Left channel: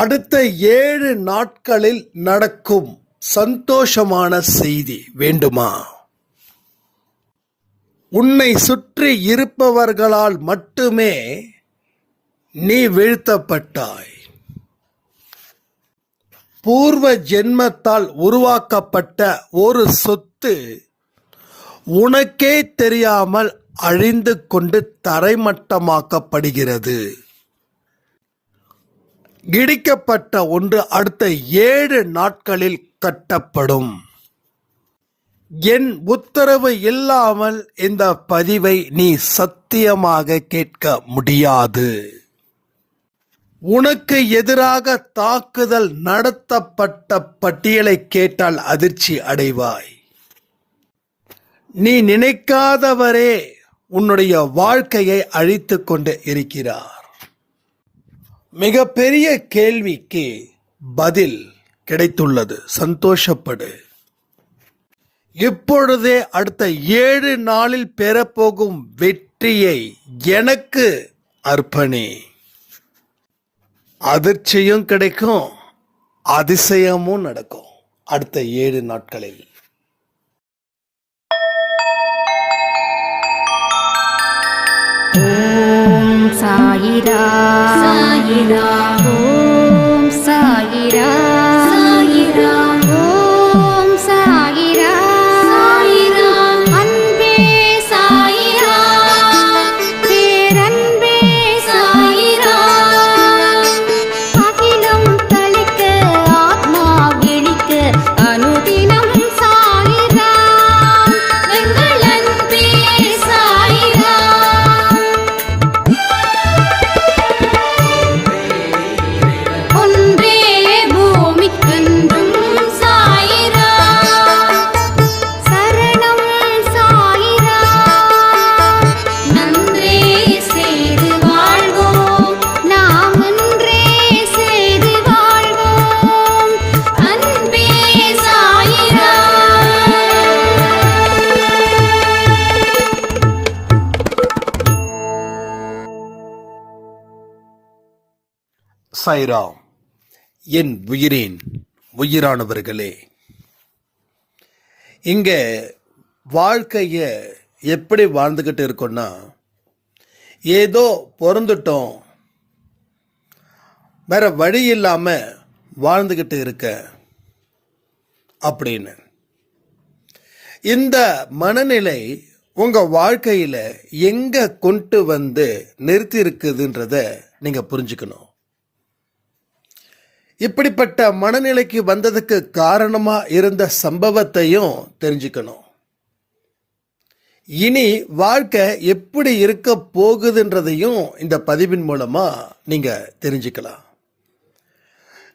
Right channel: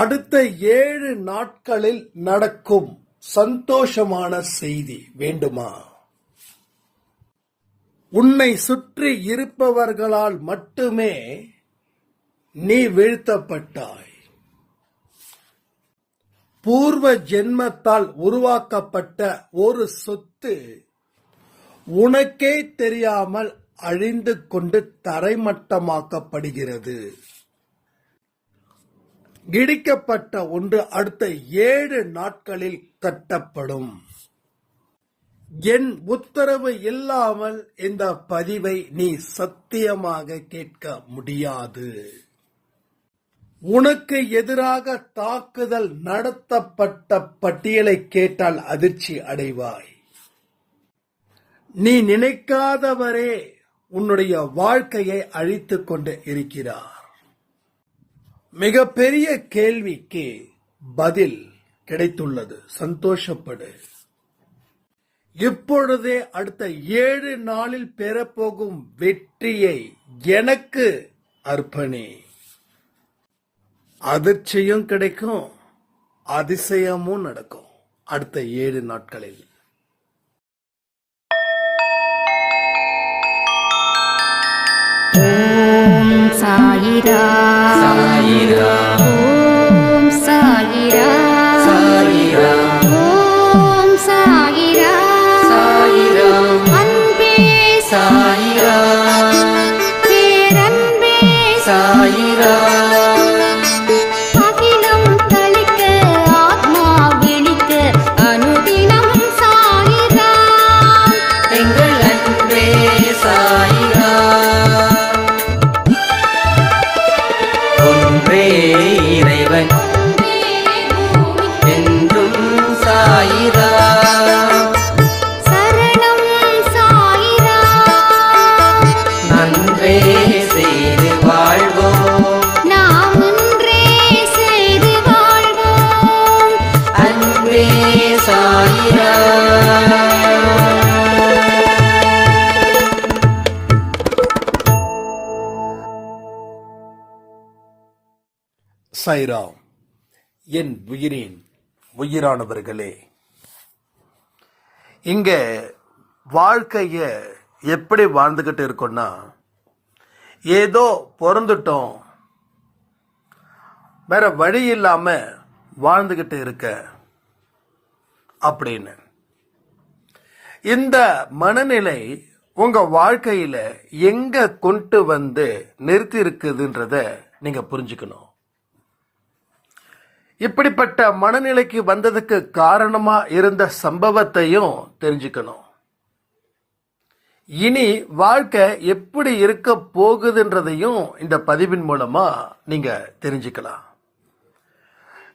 அடுத்த 7 நாட்களில் நடக்கும் சந்தோஷமான செய்தி வேண்டுமா? உன்னை சுற்றி இருப்பவர்களால் மட்டுமே நீ வீழ்த்தப்பட்டாய். பூர்வ ஜென்மத்தால் உருவாக்கப்பட்ட ஒரு சொத்து உனக்கே தெரியாமல் அழிந்து கொண்டு தரைமட்டமாக்கப்படுகிறது. இடிக்கப்பட்ட ஒன்று அடுத்த 7 நாட்களில் கட்டப்படும். என் உத்தரவு இல்லாமல் இந்த பதிவை நீ சத்தியமாக கேட்க முடியாது. உனக்கு எதிராக தாக்குதல் நடத்தப்பட்ட பட்டியலை கேட்டால் அதிர்ச்சி அடைவாய். நீ நினைக்காதவரே உன்னுடைய வாழ்க்கையை அழித்து கொண்டு இருக்கிறார். மிகப்பெரிய கேள்விக்கு பதில் கிடைத்துள்ளது. சந்தோஷப்படு. இப்பொழுதே அடுத்த 7 நாளில் பெறப்போகும் வெற்றியை எனக்கு அர்ப்பணி. அதிர்ச்சியும் கிடைக்கும், அதிசயமும் நடக்கும் அடுத்த 7 நாட்களில். ஓம் சாயிரா சாயிரா, ஓம் சாயிரா சாயிரா, ஓம் சாயிரா சாயிரா, அன்பே சாயிரா, பேரன்பே சாயிரா, அகிலம் தளிக்க ஆத்மா விழிக்க அனுதினம் சாயிரா, எங்கள் அன்பே சாயிரா. சாய்ராம். என் உயிரின் உயிரானவர்களே, இங்க வாழ்க்கைய எப்படி வாழ்ந்துக்கிட்டு இருக்கோன்னா, ஏதோ பிறந்துட்டோம், வேற வழி இல்லாம வாழ்ந்துக்கிட்டு இருக்க அப்படின்னு. இந்த மனநிலை உங்க வாழ்க்கையில எங்க கொண்டு வந்து நிறுத்தி இருக்குதுன்றத நீங்க புரிஞ்சுக்கணும். இப்படிப்பட்ட மனநிலைக்கு வந்ததுக்கு காரணமா இருந்த சம்பவத்தையும் தெரிஞ்சுக்கணும். இனி வாழ்க்கை எப்படி இருக்க போகுதுன்றதையும் இந்த பதிவின் மூலமா நீங்க தெரிஞ்சுக்கலாம்.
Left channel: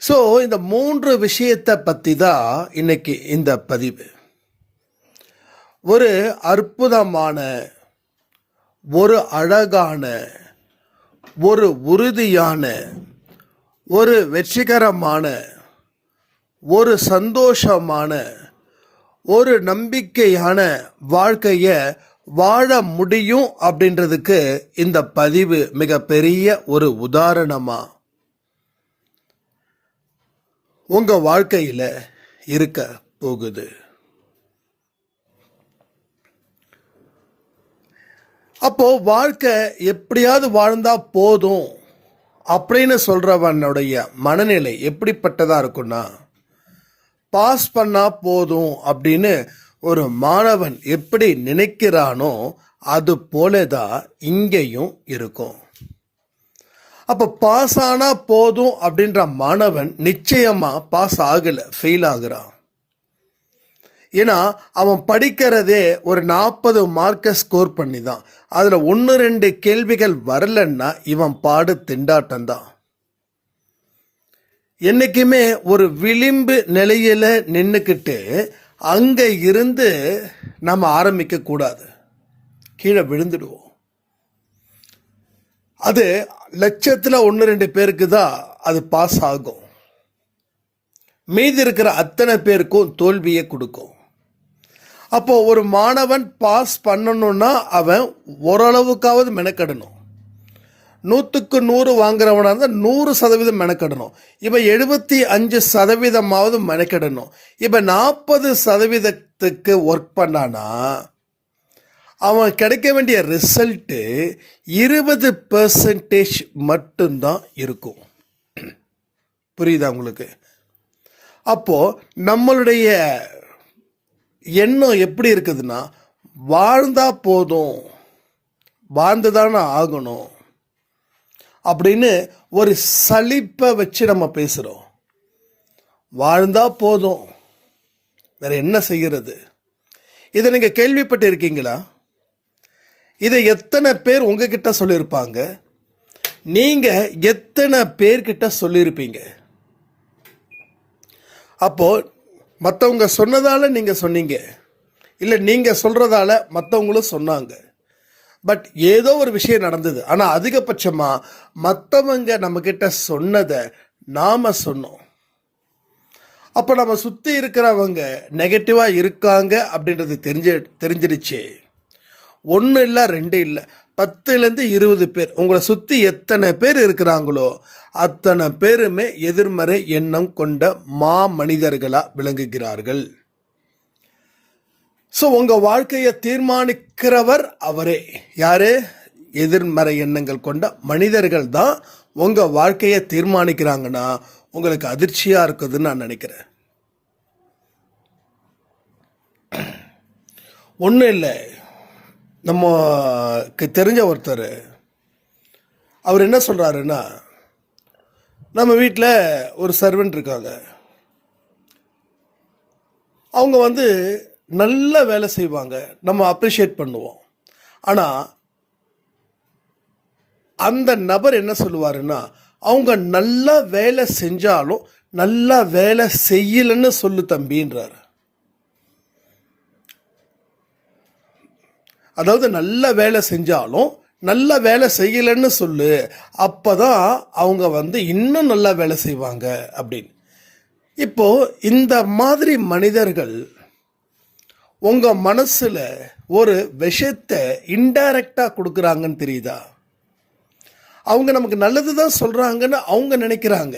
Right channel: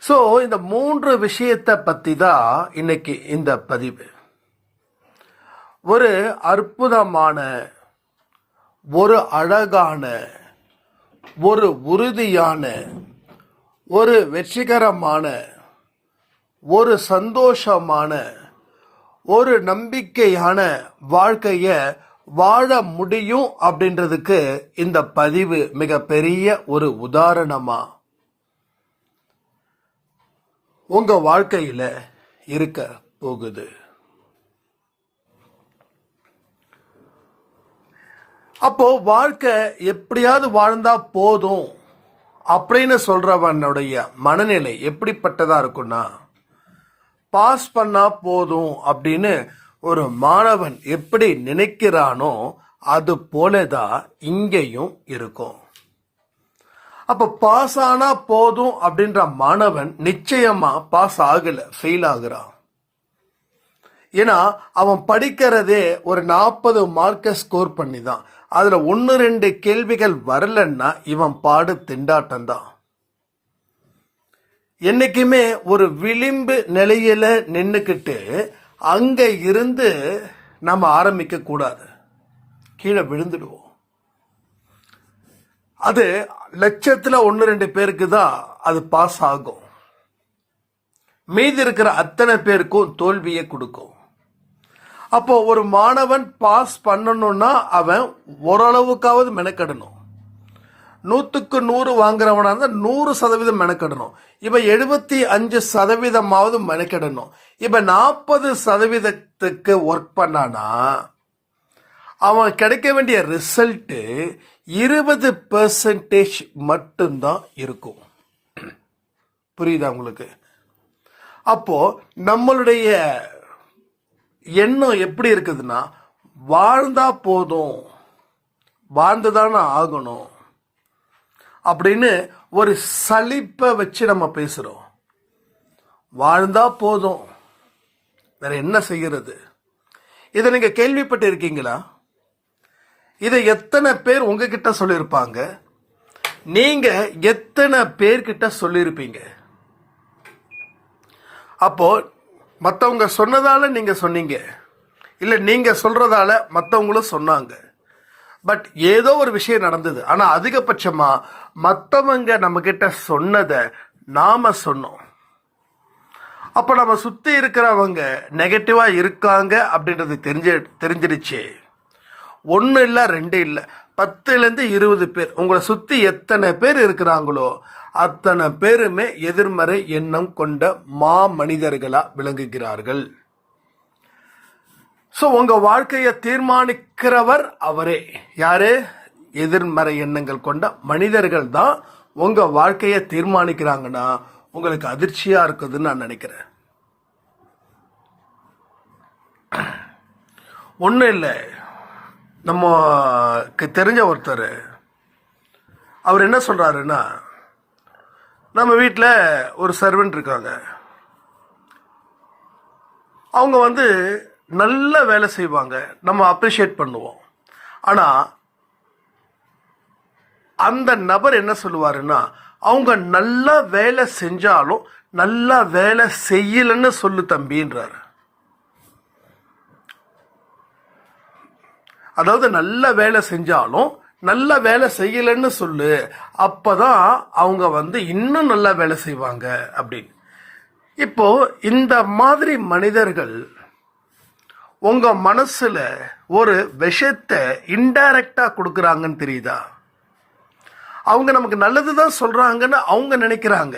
ஸோ இந்த 3 விஷயத்தை பற்றி தான் இன்னைக்கு இந்த பதிவு. ஒரு அற்புதமான, ஒரு அழகான, ஒரு உறுதியான, ஒரு வெற்றிகரமான, ஒரு சந்தோஷமான, ஒரு நம்பிக்கையான வாழ்க்கையை வாழ முடியும் அப்படின்றதுக்கு இந்த பதிவு மிகப்பெரிய ஒரு உதாரணமா உங்க வாழ்க்கையில இருக்க போகுது. அப்போ வாழ்க்கை எப்படியாவது வாழ்ந்தா போதும் அப்படின்னு சொல்றவனுடைய மனநிலை எப்படிப்பட்டதா இருக்குன்னா, பாஸ் பண்ணா போதும் அப்படின்னு ஒரு மாணவன் எப்படி நினைக்கிறானோ அது போலதான் இங்கேயும் இருக்கும். அப்ப பாஸ் ஆனா போதும் அப்படின்ற மாணவன் நிச்சயமா பாஸ் ஆகல, ஃபெயில் ஆகுறான். ஏன்னா அவன் படிக்கிறதே ஒரு 40 மார்க்கை ஸ்கோர் பண்ணி தான். அதுல 1-2 கேள்விகள் வரலன்னா இவன் பாடு திண்டாட்டம் தான். என்னைக்குமே ஒரு விளிம்பு நிலையில நின்னுக்கிட்டு அங்க இருந்து நம்ம ஆரம்பிக்க கூடாது, கீழே விழுந்துடுவோம். அது லட்சத்துல 1-2 பேருக்கு தான் அது பாஸ் ஆகும். மீதி இருக்கிற அத்தனை பேருக்கும் தோல்வியை கொடுக்கும். அப்போ ஒரு மாணவன் பாஸ் பண்ணணும்னா அவன் ஓரளவுக்காவது மெனக்கடணும். 100க்கு 100 வாங்குறவனா இருந்தால் 100% மெனக்கிடணும். இப்போ 75% மெனக்கிடணும். இப்போ 40% ஒர்க் பண்ணானா அவன் கிடைக்க வேண்டிய ரிசல்ட்டு 20% மட்டும்தான் இருக்கும். புரியுதா உங்களுக்கு? அப்போது நம்மளுடைய எண்ணம் எப்படி இருக்குதுன்னா, வாழ்ந்தா போதும், வாழ்ந்துதானே ஆகணும் அப்படின்னு ஒரு சலிப்பை வச்சு நம்ம பேசுகிறோம். வாழ்ந்தா போதும், வேற என்ன செய்கிறது? இதை நீங்கள் கேள்விப்பட்டு இருக்கீங்களா? இதை எத்தனை பேர் உங்ககிட்ட சொல்லியிருப்பாங்க? நீங்கள் எத்தனை பேர்கிட்ட சொல்லியிருப்பீங்க? அப்போது மற்றவங்க சொன்னதால் நீங்கள் சொன்னீங்க, இல்லை நீங்கள் சொல்கிறதால மற்றவங்களும் சொன்னாங்க. பட் ஏதோ ஒரு விஷயம் நடந்தது. ஆனால் அதிகபட்சமாக மற்றவங்க நம்மக்கிட்ட சொன்னதை நாம் சொன்னோம். அப்போ நம்ம சுற்றி இருக்கிறவங்க நெகட்டிவாக இருக்காங்க அப்படின்றது தெரிஞ்சிருச்சு. 1 இல்லை 2 இல்லை, 10லேருந்து 20 பேர் உங்களை சுற்றி எத்தனை பேர் இருக்கிறாங்களோ அத்தனை பேருமே எதிர்மறை எண்ணம் கொண்ட மனிதர்களாக விளங்குகிறார்கள். ஸோ உங்கள் வாழ்க்கையை தீர்மானிக்கிறவர் அவரே. யாரு? எதிர்மறை எண்ணங்கள் கொண்ட மனிதர்கள் தான் உங்கள் வாழ்க்கையை தீர்மானிக்கிறாங்கன்னா உங்களுக்கு அதிர்ச்சியாக இருக்குதுன்னு நான் நினைக்கிறேன். ஒன்றும் இல்லை, நமக்கு தெரிஞ்ச ஒருத்தர் அவர் என்ன சொல்கிறாருன்னா, நம்ம வீட்டில் ஒரு சர்வெண்ட் இருக்காங்க. அவங்க நல்ல வேலை செய்வாங்க, நம்ம அப்ரிஷியேட் பண்ணுவோம். ஆனால் அந்த நபர் என்ன சொல்லுவாருன்னா, அவங்க நல்லா வேலை செஞ்சாலும் நல்லா வேலை செய்யலன்னு சொல்லு தம்பின்றார். அதாவது நல்ல வேலை செஞ்சாலும் நல்ல வேலை செய்யலைன்னு சொல்லு, அப்போதான் அவங்க இன்னும் நல்லா வேலை செய்வாங்க அப்படின்னு. இப்போ இந்த மாதிரி மனிதர்கள் உங்கள் மனசில் ஒரு விஷயத்தை இன்டைரக்டாக கொடுக்குறாங்கன்னு தெரியுதா? அவங்க நமக்கு நல்லது தான் சொல்கிறாங்கன்னு அவங்க நினைக்கிறாங்க.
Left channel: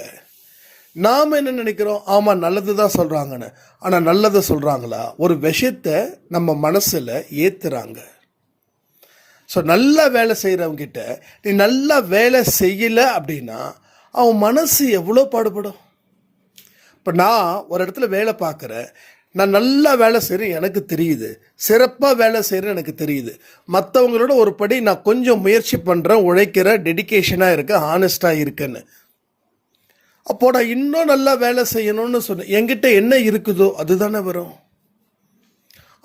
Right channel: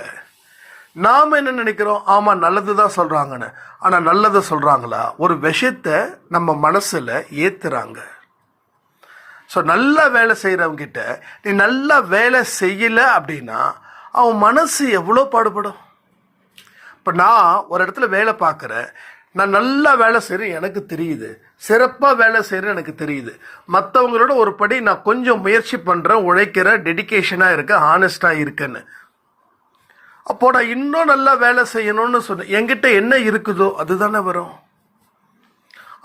நாம் என்ன நினைக்கிறோம்? ஆமாம், நல்லது தான் சொல்கிறாங்கன்னு. ஆனால் நல்லதை சொல்கிறாங்களா? ஒரு விஷயத்தை நம்ம மனசில் ஏற்றுறாங்க. ஸோ நல்லா வேலை செய்கிறவங்கிட்ட நீ நல்லா வேலை செய்யலை அப்படின்னா அவன் மனசு எவ்வளோ பாடுபடும். இப்போ நான் ஒரு இடத்துல வேலை பார்க்குறேன், நான் நல்லா வேலை செய்கிறேன், எனக்கு தெரியுது, சிறப்பாக வேலை செய்கிறேன், எனக்கு தெரியுது. மற்றவங்களோட ஒரு படி நான் கொஞ்சம் முயற்சி பண்ணுறேன், உழைக்கிறேன், டெடிக்கேஷனாக இருக்கேன், ஹானஸ்டாக இருக்கேன்னு. அப்போ நான் இன்னும் நல்லா வேலை செய்யணும்னு சொன்னேன். என்கிட்ட என்ன இருக்குதோ அதுதானே வரும்.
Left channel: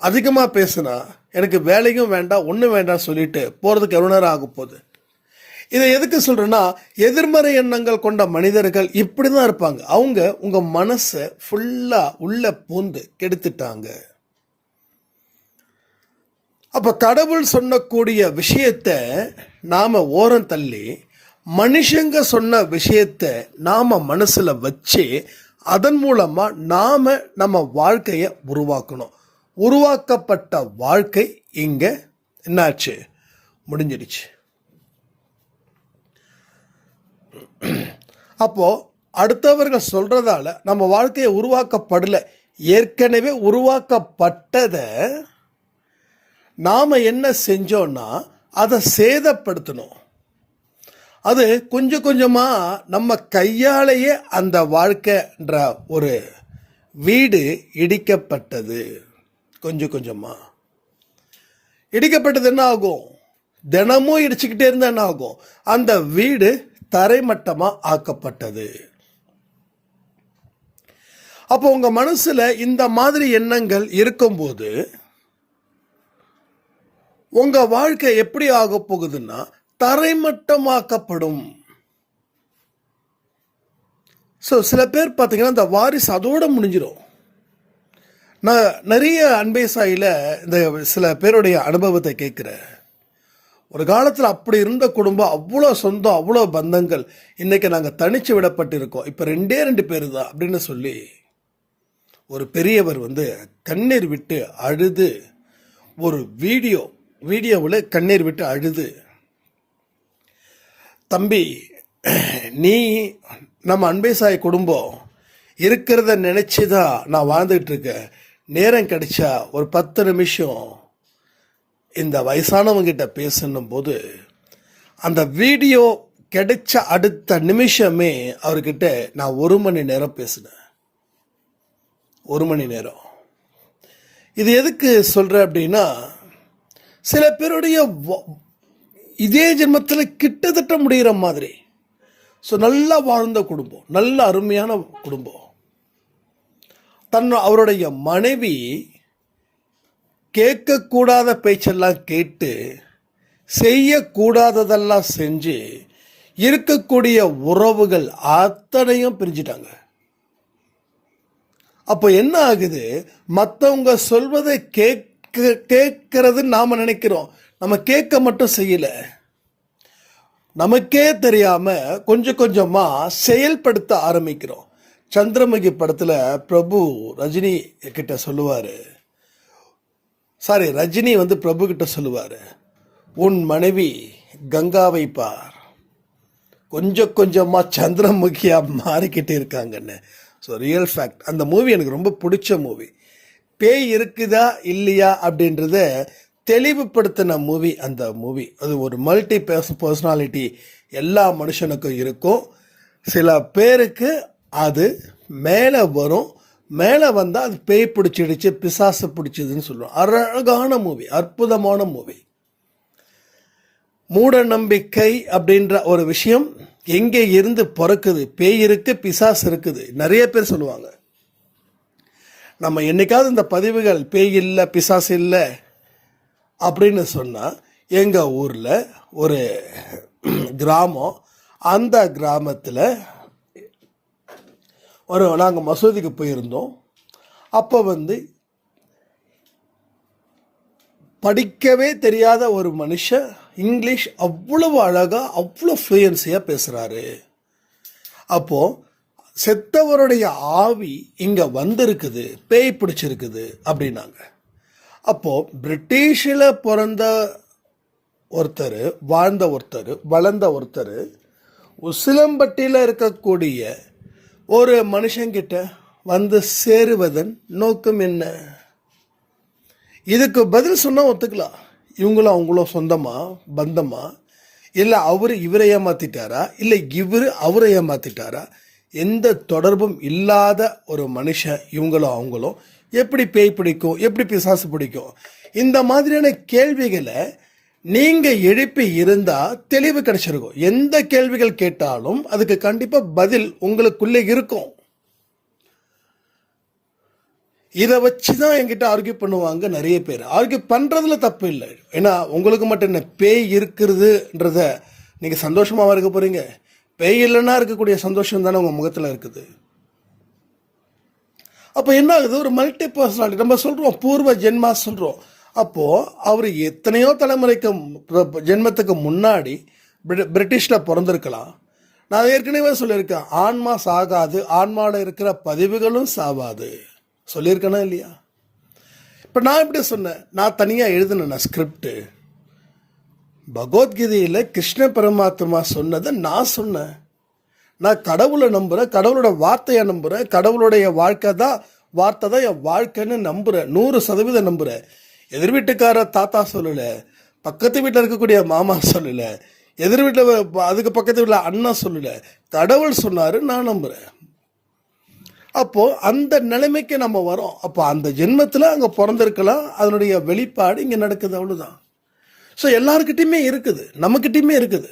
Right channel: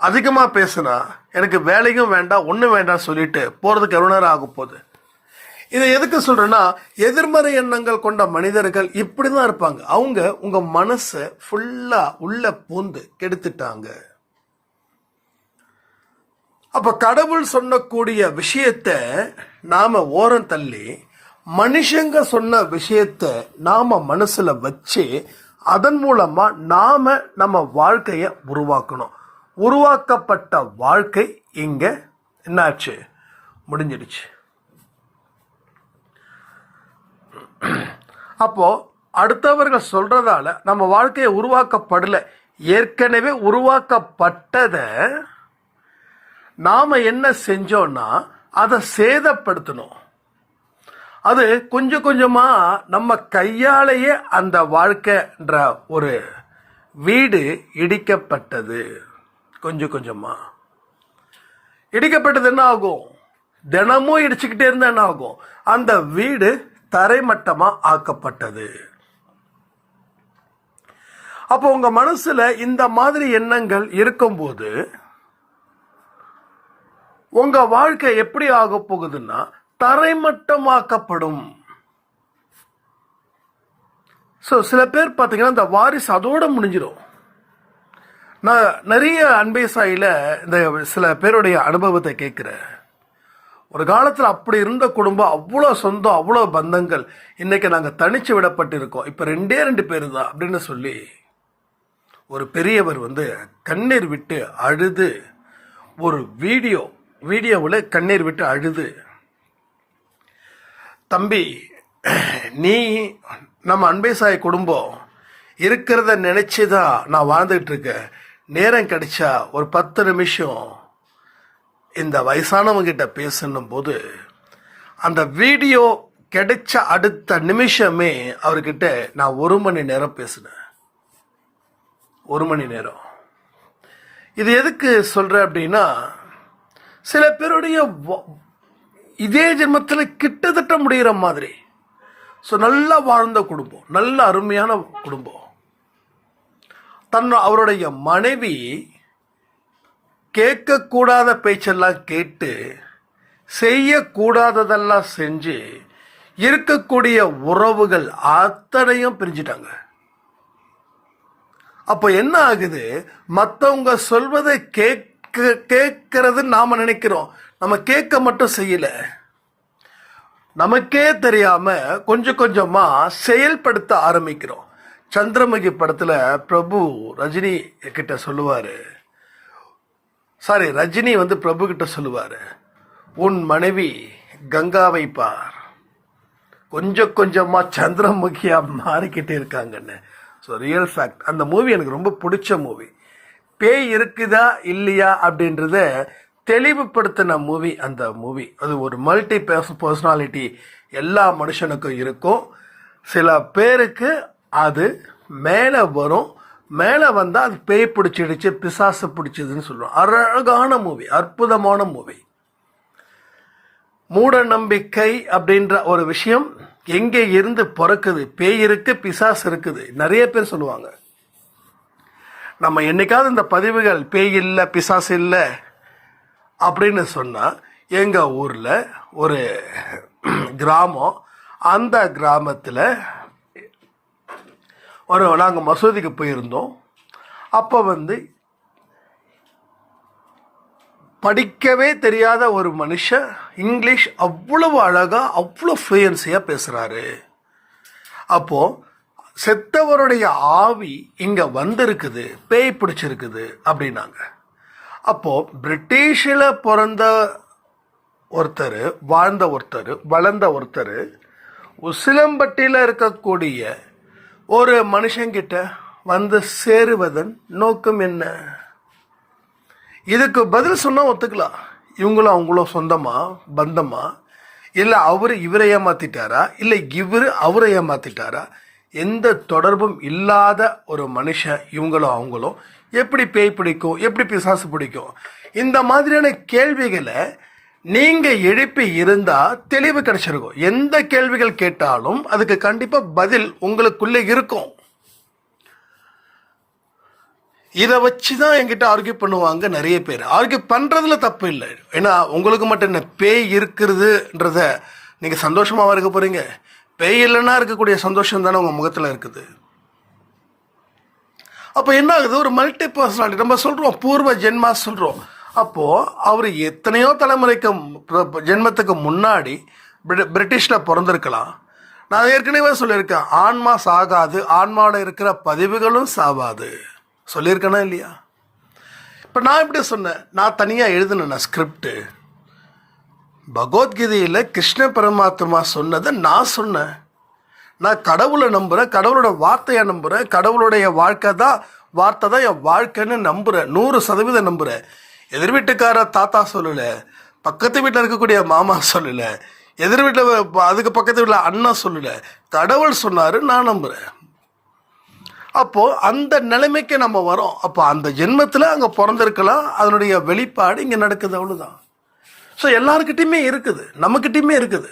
அதிகமாக பேசுனா எனக்கு வேலையும் வேண்டாம், ஒன்றும் வேண்டாம் சொல்லிட்டு போகிறதுக்கு எவ்வளோ நேரம் ஆக போகுது. இதை எதுக்கு சொல்கிறேன்னா, எதிர்மறை எண்ணங்கள் கொண்ட மனிதர்கள் இப்படி தான் இருப்பாங்க. அவங்க உங்கள் மனசை ஃபுல்லாக உள்ள பூந்து கெடுத்துட்டாங்க. அப்போ கடவுள் சொன்னக்கூடிய விஷயத்தை நாம் ஓரம் தள்ளி மனுஷங்க சொன்ன விஷயத்தை நாம் மனசில் வச்சு அதன் மூலமாக நாம் நம்ம வாழ்க்கையை உருவாக்கணும். உருவாக்கப்பட்ட வாழ்க்கை இங்கே என்னாச்சு? முடிஞ்சிடுச்சு. அப்போது அடுத்தவர்கள் சொல்கிறதால நம்ம வாழ்க்கையை உருவாக்கப்படலை. ஏற்கனவே உருவாக்கப்பட்டதை நாம் என்ன செஞ்சோன்னா அதை சேதப்படுத்தணும். அது கொஞ்சம் கொஞ்சமாக நம்ம கையாலேயே அந்த வாழ்க்கைன்ற ஒரு வீடு இடிக்கப்பட்டது. கொஞ்சம் கொஞ்சமாக இடிக்கப்பட்டது என்ன ஆகும்? தினமும் இடிச்சுக்கிட்டே இருந்தால் என்ன ஆகும்? அந்த வீடு தரைமட்டமாக ஆக்கப்பட்டது. அப்போ உங்கள் மனசில் இந்த மாதிரி எண்ணங்கள் இருக்கும்போது உங்கள் வாழ்க்கை எப்படி ஆக போகுதுன்னா தரைமட்டமாக்கப்படும். ஸோ சில பேர் பார்த்தீங்கன்னா இந்த வாரிசு அதோடு முடிஞ்சிடும். நான் நிறைய அன்பே சாயில இந்த சில பேருடைய அனுபவத்தை கேட்குறேன். ஒரு காலத்தில் அப்படி இருந்த குடும்பம், அவ்வளோ சொந்தம், அவ்வளோ பந்தங்கள். இன்றைக்கி நாங்கள் தனித்து விடப்பட்டிருக்கோம், இப்போ 2 பேர் தான் அப்படின்னு சொல்லி ஒரு பெரியவர் கண்ணீர் விட்டு அழுது ஒரு வீடியோவில் கண்ணீர் விட்டு அழுது தம்பி, நீ நம்ம அன்பே சாய் குடும்பம் இருக்கிறத நினைச்சு தான் நான் வாழ்ந்துட்டு இருக்கேன். நேரம் கிடைச்சா ஒரு 10 நிமிஷம் இந்த வயசானவங்க கிட்ட பேசணும் போது அந்த வீடியோ கிடைச்ச அடுத்த நிமிஷமே அவர்கிட்ட நான் 1 மணி நேரம் பேசினேன். 1 மணி நேரம். இது எதுக்கு சொல்றேன் அப்படின்னா, சில பேருடைய இதே ஜென்மத்தில் கிட்டத்தட்ட முடிகிற மாதிரி. ஸோ நல்லா வாழ்ந்த குடும்பம், நல்ல அருமையான குடும்பம். அவருடைய மனைவி கேட்கக்கூடாத பேச்செல்லாம் கேட்டு செய்யக்கூடாததெல்லாம் செஞ்சு இருக்கக்கூடிய உறவுகள் அத்தனையும் பிரிஞ்சிட்டாங்க. அப்போ என்ன ஆகுது, மற்றவங்க சொல்வதை கேட்கறது நாம நினைக்கிறோம், நம்ம கேட்க மட்டும் செய்யல, நமக்கே தெரியாம கொஞ்சம் கொஞ்சமா செயல்படுத்த ஆரம்பிக்கிறோம். சந்திரமுகி படத்துல பிரபு ரஜினி கிட்ட சொல்லுவாரு, ரஜினி பிரபு கிட்ட சொல்லுவாரு, உன் மனைவி கங்காவை பார், கொஞ்சம் கொஞ்சமா சந்திரமுகியா மாறிக்கிட்டே இருக்காங்கன்னு. So real fact. அந்த மூவி எனக்கு ரொம்ப பிடிச்ச மூவி. பேய் இருக்குதா இல்லையா அப்படின்றத தெளிவுபடுத்தின மூவி அந்த மூவி. அது ஒரு மல்டி பர்சனாலிட்டி எல்லா மனுஷனுக்கும் இருக்கும். சில பேருக்கு அது மேலே வரும், மேலே வந்தால் அது பேய் பிடிச்சிடுச்சு, பிசாசு பிடிச்சதுன்னு சொல்லுவோம். அழகான மூவி, அற்புதமான மூவி. மூட நம்பிக்கை அப்படின்ற ஒரு விஷயம் எங்கே இருந்து பிறக்குது? பேய் இருக்கு, பிசாசு இருக்குது, நிறைய பேர் சொல்லுவாங்க. நம்ம என்னைக்காவது இந்த பதிவுகள் பேய் இல்லை பிசாசு இல்லை அப்படின்னு சொன்னால், எங்கள் ஊரில் ஒரு கிராமம், அந்த கிராமத்தில் நாங்கள் மசூதிக்கு போயிருந்தோம். அப்போ படிக்கவே தெரியாத ஒரு மனுஷன் இங்கிலீஷ் அவ்வளவு அழகாக அவ்வளோ ஃப்ளூயன்சியாக பேசுகிறாரு. அப்போது செத்தவருடைய ஆவி இங்கே வந்திருக்குது, பேய் பிடிச்சிருக்குது அப்படின்னாங்க. அப்போது பிரிட்டிஷில் பிறந்த ஒருத்தர், வாழ்ந்த ஒருத்தர், வளர்ந்த ஒருத்தர் உசிலம்பட்டியில் இருக்கக்கூடிய ஒரு மனுஷங்கிட்ட சேருவதன் நோக்கம் என்ன? இதுக்கு பதில் சொன்னால் ஒத்துக்கலாம். இவங்களும் அவங்களும் சொந்தமா பந்தமா, இல்லை இவரை ஏமாத்திட்டாரா, இல்லை இவர் அவரை ஏமாத்திட்டாரா? எந்த தொடர்பும் இல்லாத ஒரு மனுஷன் இவங்களும் அவங்களும் எப்படி பேய் பிடிக்கும், எப்படி பிசாசு பிடிக்கும்? இந்த மாதிரியான கேள்விகளை நீங்கள் எழுப்பி இருந்தால் தெளிவு கிடைச்சிருக்கும். எந்த கேள்விகள் கேட்டாலும் அதுக்கு கண்டிப்பாக பதில் உங்களுக்குள்ளே இருக்கும். இதை வச்சு தான் என்கிட்ட ஆர்கியூ பண்ணுவாங்க நிறைய பேர். ஆர்கியூ பண்ணுறதுல தப்பு இல்லை. ஏன்னா உங்களுக்கு மட்டும் என்ன பேய் இருக்கிறதுன்றத நீங்கள் சந்தோஷமாக இருக்க போகிறீங்க. பேய் இல்லைன்னா இருக்கக்கூடிய சந்தோஷம் தானே உங்கள் முகத்தில் இருக்குது. அப்போ என்ன ஆகுது, ஒரு மல்டி பர்சனாலிட்டி நம்ம சொல்கிறோம், பூர்வ ஜென்மா சொல்கிறோம். அப்போது அவர் எத்தனையோ தலைமுறைக்கு ஜென்மத்துக்கு முன்னாடி பிரிட்டிஷில் பிறந்திருக்கலாம். நான் ஏற்கனவே சொல்லியிருக்கேன், ஆன்மா சாகாது, ஆன்மாவில் இருக்கிற பதிவுகளும் சாவாது சொல்லியிருக்கேனா இல்லையா? இப்போ நான் எப்படி சொன்னேன், நான் தனியாக எழுதினேன் ஸ்கிரிப்டு. பகவத்கீதையில் கிருஷ்ண பரமாத்மா சொன்னதை நான் சொன்னேன். நான் கடவுளை நம்புகிறேன், கடவுளோட வார்த்தையை நம்புகிறேன், கடவுளுடைய வார்த்தை தான் என் வாழ்க்கைன்னு நம்புகிறேன், 100% நம்புகிறேன். எதிர் வீட்டுக்கார தாத்தா சொல்லலை, பக்கத்து வீட்டில் இருக்கக்கூடிய மாமா சொல்லலை, எதிர் வீட்டில் அதுக்கு பக்கத்து வீட்டில் அண்ணன் சொல்லலை, கடவுள் சொன்னார், நான் நம்புகிறேன். அப்போது அந்த நிலைமைக்கு நம்ம வரோம். அப்போ அந்த ஜென்மத்தில் அங்கே பிறந்திருக்கலாம், அதனுடைய வெளிப்பாடு இங்கே நடக்குது, அவ்வளோதான். ஸோ எல்லாருக்கிட்டையுமே இருக்குது, நம்மக்கிட்டையுமே இருக்குது,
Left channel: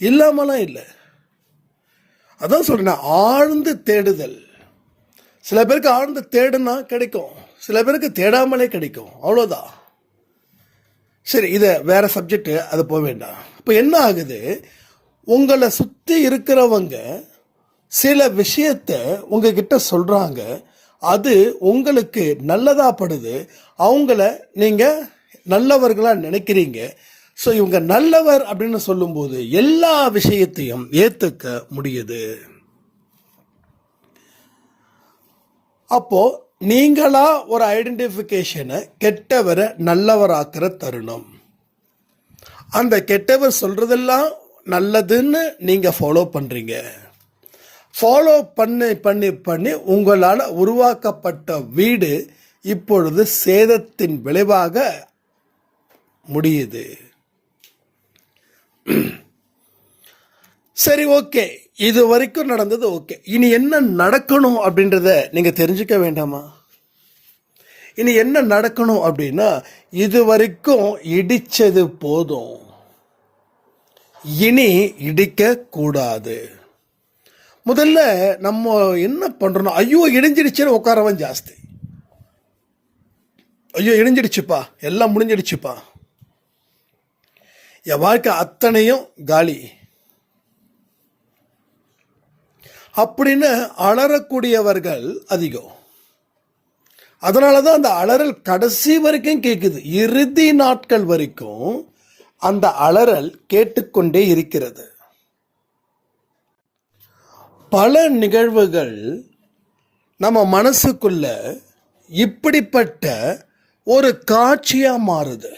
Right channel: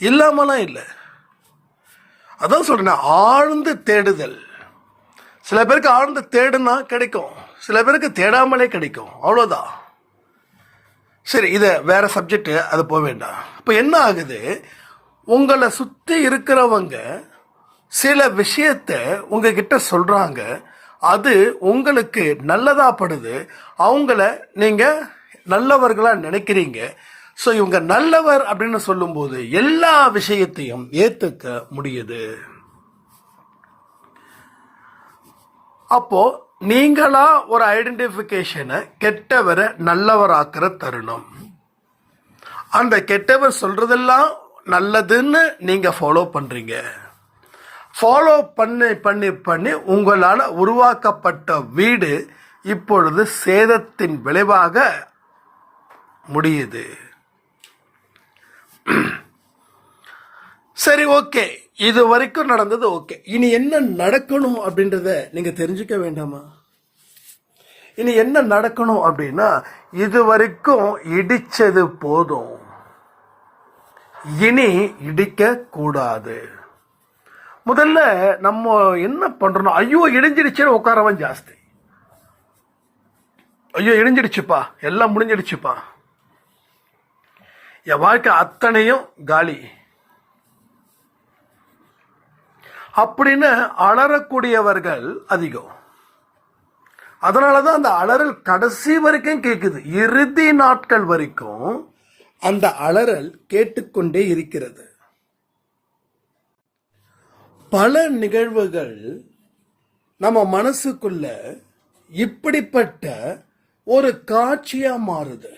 இல்லாமலாம் இல்லை. அதான் சொல்கிறேன், ஆழ்ந்து தேடுதல். சில பேருக்கு ஆழ்ந்து தேடுனா கிடைக்கும், சில பேருக்கு தேடாமலே கிடைக்கும், அவ்வளோதான். சரி, இதை வேறு சப்ஜெக்டு, அது போக வேண்டாம். இப்போ என்ன ஆகுது, உங்களை சுற்றி இருக்கிறவங்க சில விஷயத்தை உங்ககிட்ட சொல்கிறாங்க, அது உங்களுக்கு நல்லதாக படுது, அவங்கள நீங்கள் நல்லவர்களாக நினைக்கிறீங்க. ஸோ இவங்க நல்லவர் அப்படின்னு சொல்லும்போது எல்லா விஷயத்தையும் ஏற்றுக்க முடியுது. அப்போது நீங்களா ஒரு ஐடென்டிஃபிகேஷனை கெட்டவரை நல்லவராக்கிற தருணம். அந்த கெட்டவர் சொல்கிறதெல்லாம் நல்லதுன்னு நீங்கள் ஃபாலோ பண்ணுறீங்க. ஃபாலோ பண்ணி பண்ணி பண்ணி உங்களால் உருவாக்கப்பட்ட வீடு இப்பொழுது சேதத்தின் விளைவாக முடியுது. சரி, ஓகே, இது வரைக்கும் நடந்தது ஓகே. இனி என்ன நடக்கணும் அப்படின்றத நீங்கள் தெரிஞ்சுக்க வேண்டாமா? இனி என்ன நடக்கணும் அப்படின்னா, இது வரைக்கும் இடிச்சது போதும், இனி இடிக்க கூடாது. முதல்ல நம்ம என்ன பண்றோம், ஐயோ இடிஞ்சிடுச்சுன்னு உட்காரவன் ஜாஸ்தி. ஐயோ இடிஞ்சிடுச்சுப்பா, எல்லாம் முடிஞ்சிடுச்சுப்பா, என் வாழ்க்கை அத்தனையும் காலி அப்படின்னு அலறக்கூடியவர்கள் அதிகம். அதனால தான் அந்த அலறல் கடைசி வரைக்கும் கேட்குது. இறுதி நாட்கள் வரைக்கும் அந்த அலறல் கேட்டுக்கொண்டே இருக்கிறது. பல நிகழ்வுகள் நம்ம மனசுக்குள்ள இப்படிப்பட்ட ஒரு காட்சியா மாறுது.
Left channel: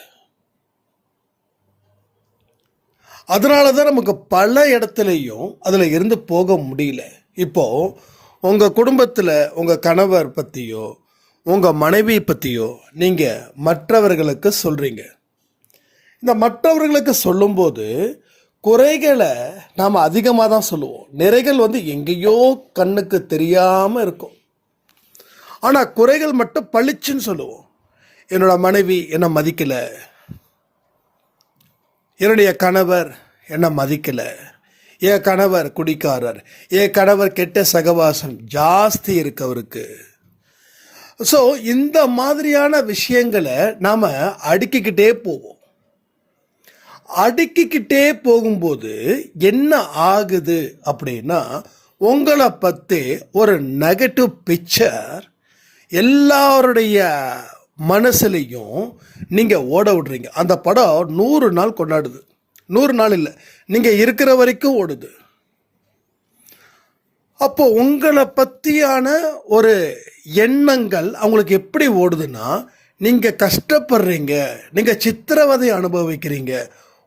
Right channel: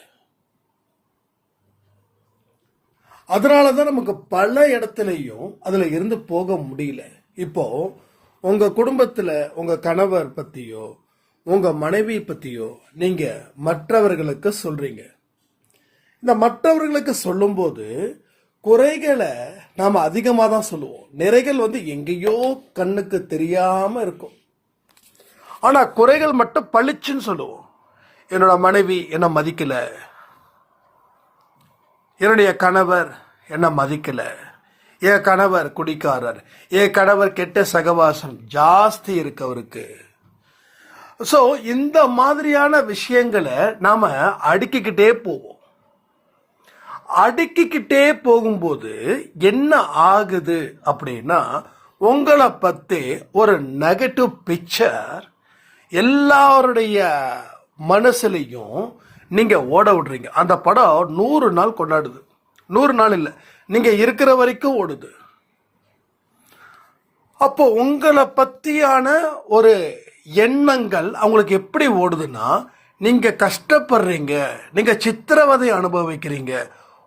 அதனால தான் நமக்கு பல இடத்துலையும் அதில் இருந்து போக முடியல. இப்போ உங்கள் குடும்பத்தில் உங்கள் கணவர் பற்றியோ உங்கள் மனைவி பற்றியோ நீங்கள் மற்றவர்களுக்கு சொல்கிறீங்க. இந்த மற்றவர்களுக்கு சொல்லும்போது குறைகளை நாம் அதிகமாக தான் சொல்லுவோம். நிறைகள் எங்கேயோ கண்ணுக்கு தெரியாமல் இருக்கும். ஆனால் குறைகள் மட்டும் பளிச்சுன்னு சொல்லுவோம். என்னோட மனைவி என்னை மதிக்கலை, என்னுடைய கணவர் என்னை மதிக்கலை, என் கணவர் குடிக்காரர், என் கணவர் கெட்ட சகவாசம் ஜாஸ்தி இருக்கு அவருக்கு. ஸோ இந்த மாதிரியான விஷயங்களை நாம் அடுக்கிக்கிட்டே போவோம். அடுக்கிக்கிட்டே போகும்போது என்ன ஆகுது அப்படின்னா, உங்களை பற்றி ஒரு நெகட்டிவ் பிக்சர் எல்லாருடைய மனசுலையும் நீங்கள் ஓட விடுறீங்க. அந்த படம் 100 நாள் கொண்டாடுது. 100 நாள் இல்லை, நீங்கள் இருக்கிற வரைக்கும் ஓடுது. அப்போ உங்களை பற்றியான ஒரு எண்ணங்கள் அவங்களுக்கு எப்படி ஓடுதுன்னா, நீங்கள் கஷ்டப்படுறீங்க, நீங்கள் சித்திரவதை அனுபவிக்கிறீங்க,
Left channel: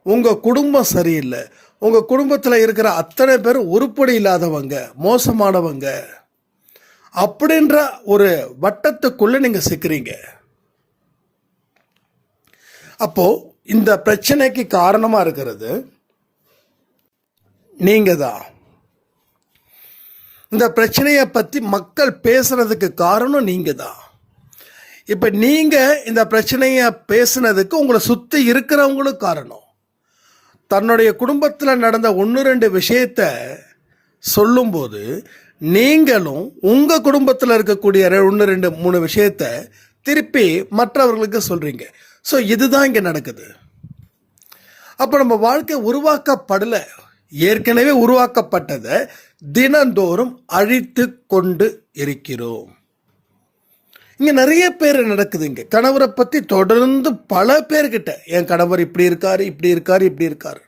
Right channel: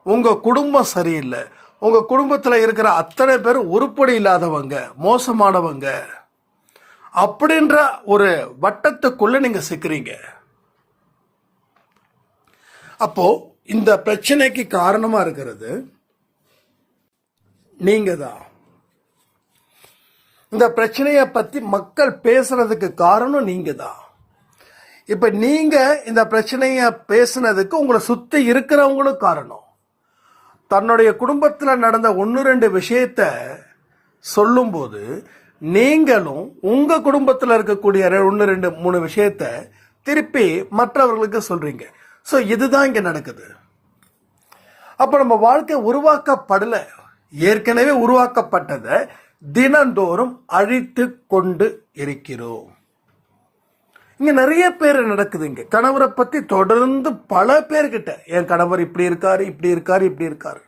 உங்கள் குடும்பம் சரியில்லை, உங்கள் குடும்பத்தில் இருக்கிற அத்தனை பேர் உருப்படி இல்லாதவங்க, மோசமானவங்க அப்படின்ற ஒரு வட்டத்துக்குள்ளே நீங்கள் சிக்கிறீங்க. அப்போ இந்த பிரச்சனைக்கு காரணமாக இருக்கிறது நீங்கள் தான். இந்த பிரச்சனையை பற்றி மக்கள் பேசுறதுக்கு காரணம் நீங்கள் தான். இப்போ நீங்கள் இந்த பிரச்சனையை பேசுனதுக்கு உங்களை சுற்றி இருக்கிறவங்களும் காரணம். தன்னுடைய குடும்பத்தில் நடந்த 1-2 விஷயத்தை சொல்லும்போது நீங்களும் உங்கள் குடும்பத்தில் இருக்கக்கூடிய 1-2-3 விஷயத்தை திருப்பி மற்றவர்களுக்கு சொல்கிறீங்க. ஸோ இதுதான் இங்கே நடக்குது. அப்போ நம்ம வாழ்க்கை உருவாக்கப்படலை, ஏற்கனவே உருவாக்கப்பட்டதை தினந்தோறும் அழித்து கொண்டு இருக்கிறோம். இங்கே நிறைய பேர் நடக்குது. இங்கே கணவரை பற்றி தொடர்ந்து பல பேர்கிட்ட, என் கணவர் இப்படி இருக்காரு, இப்படி இருக்காரு, இப்படி இருக்காரு,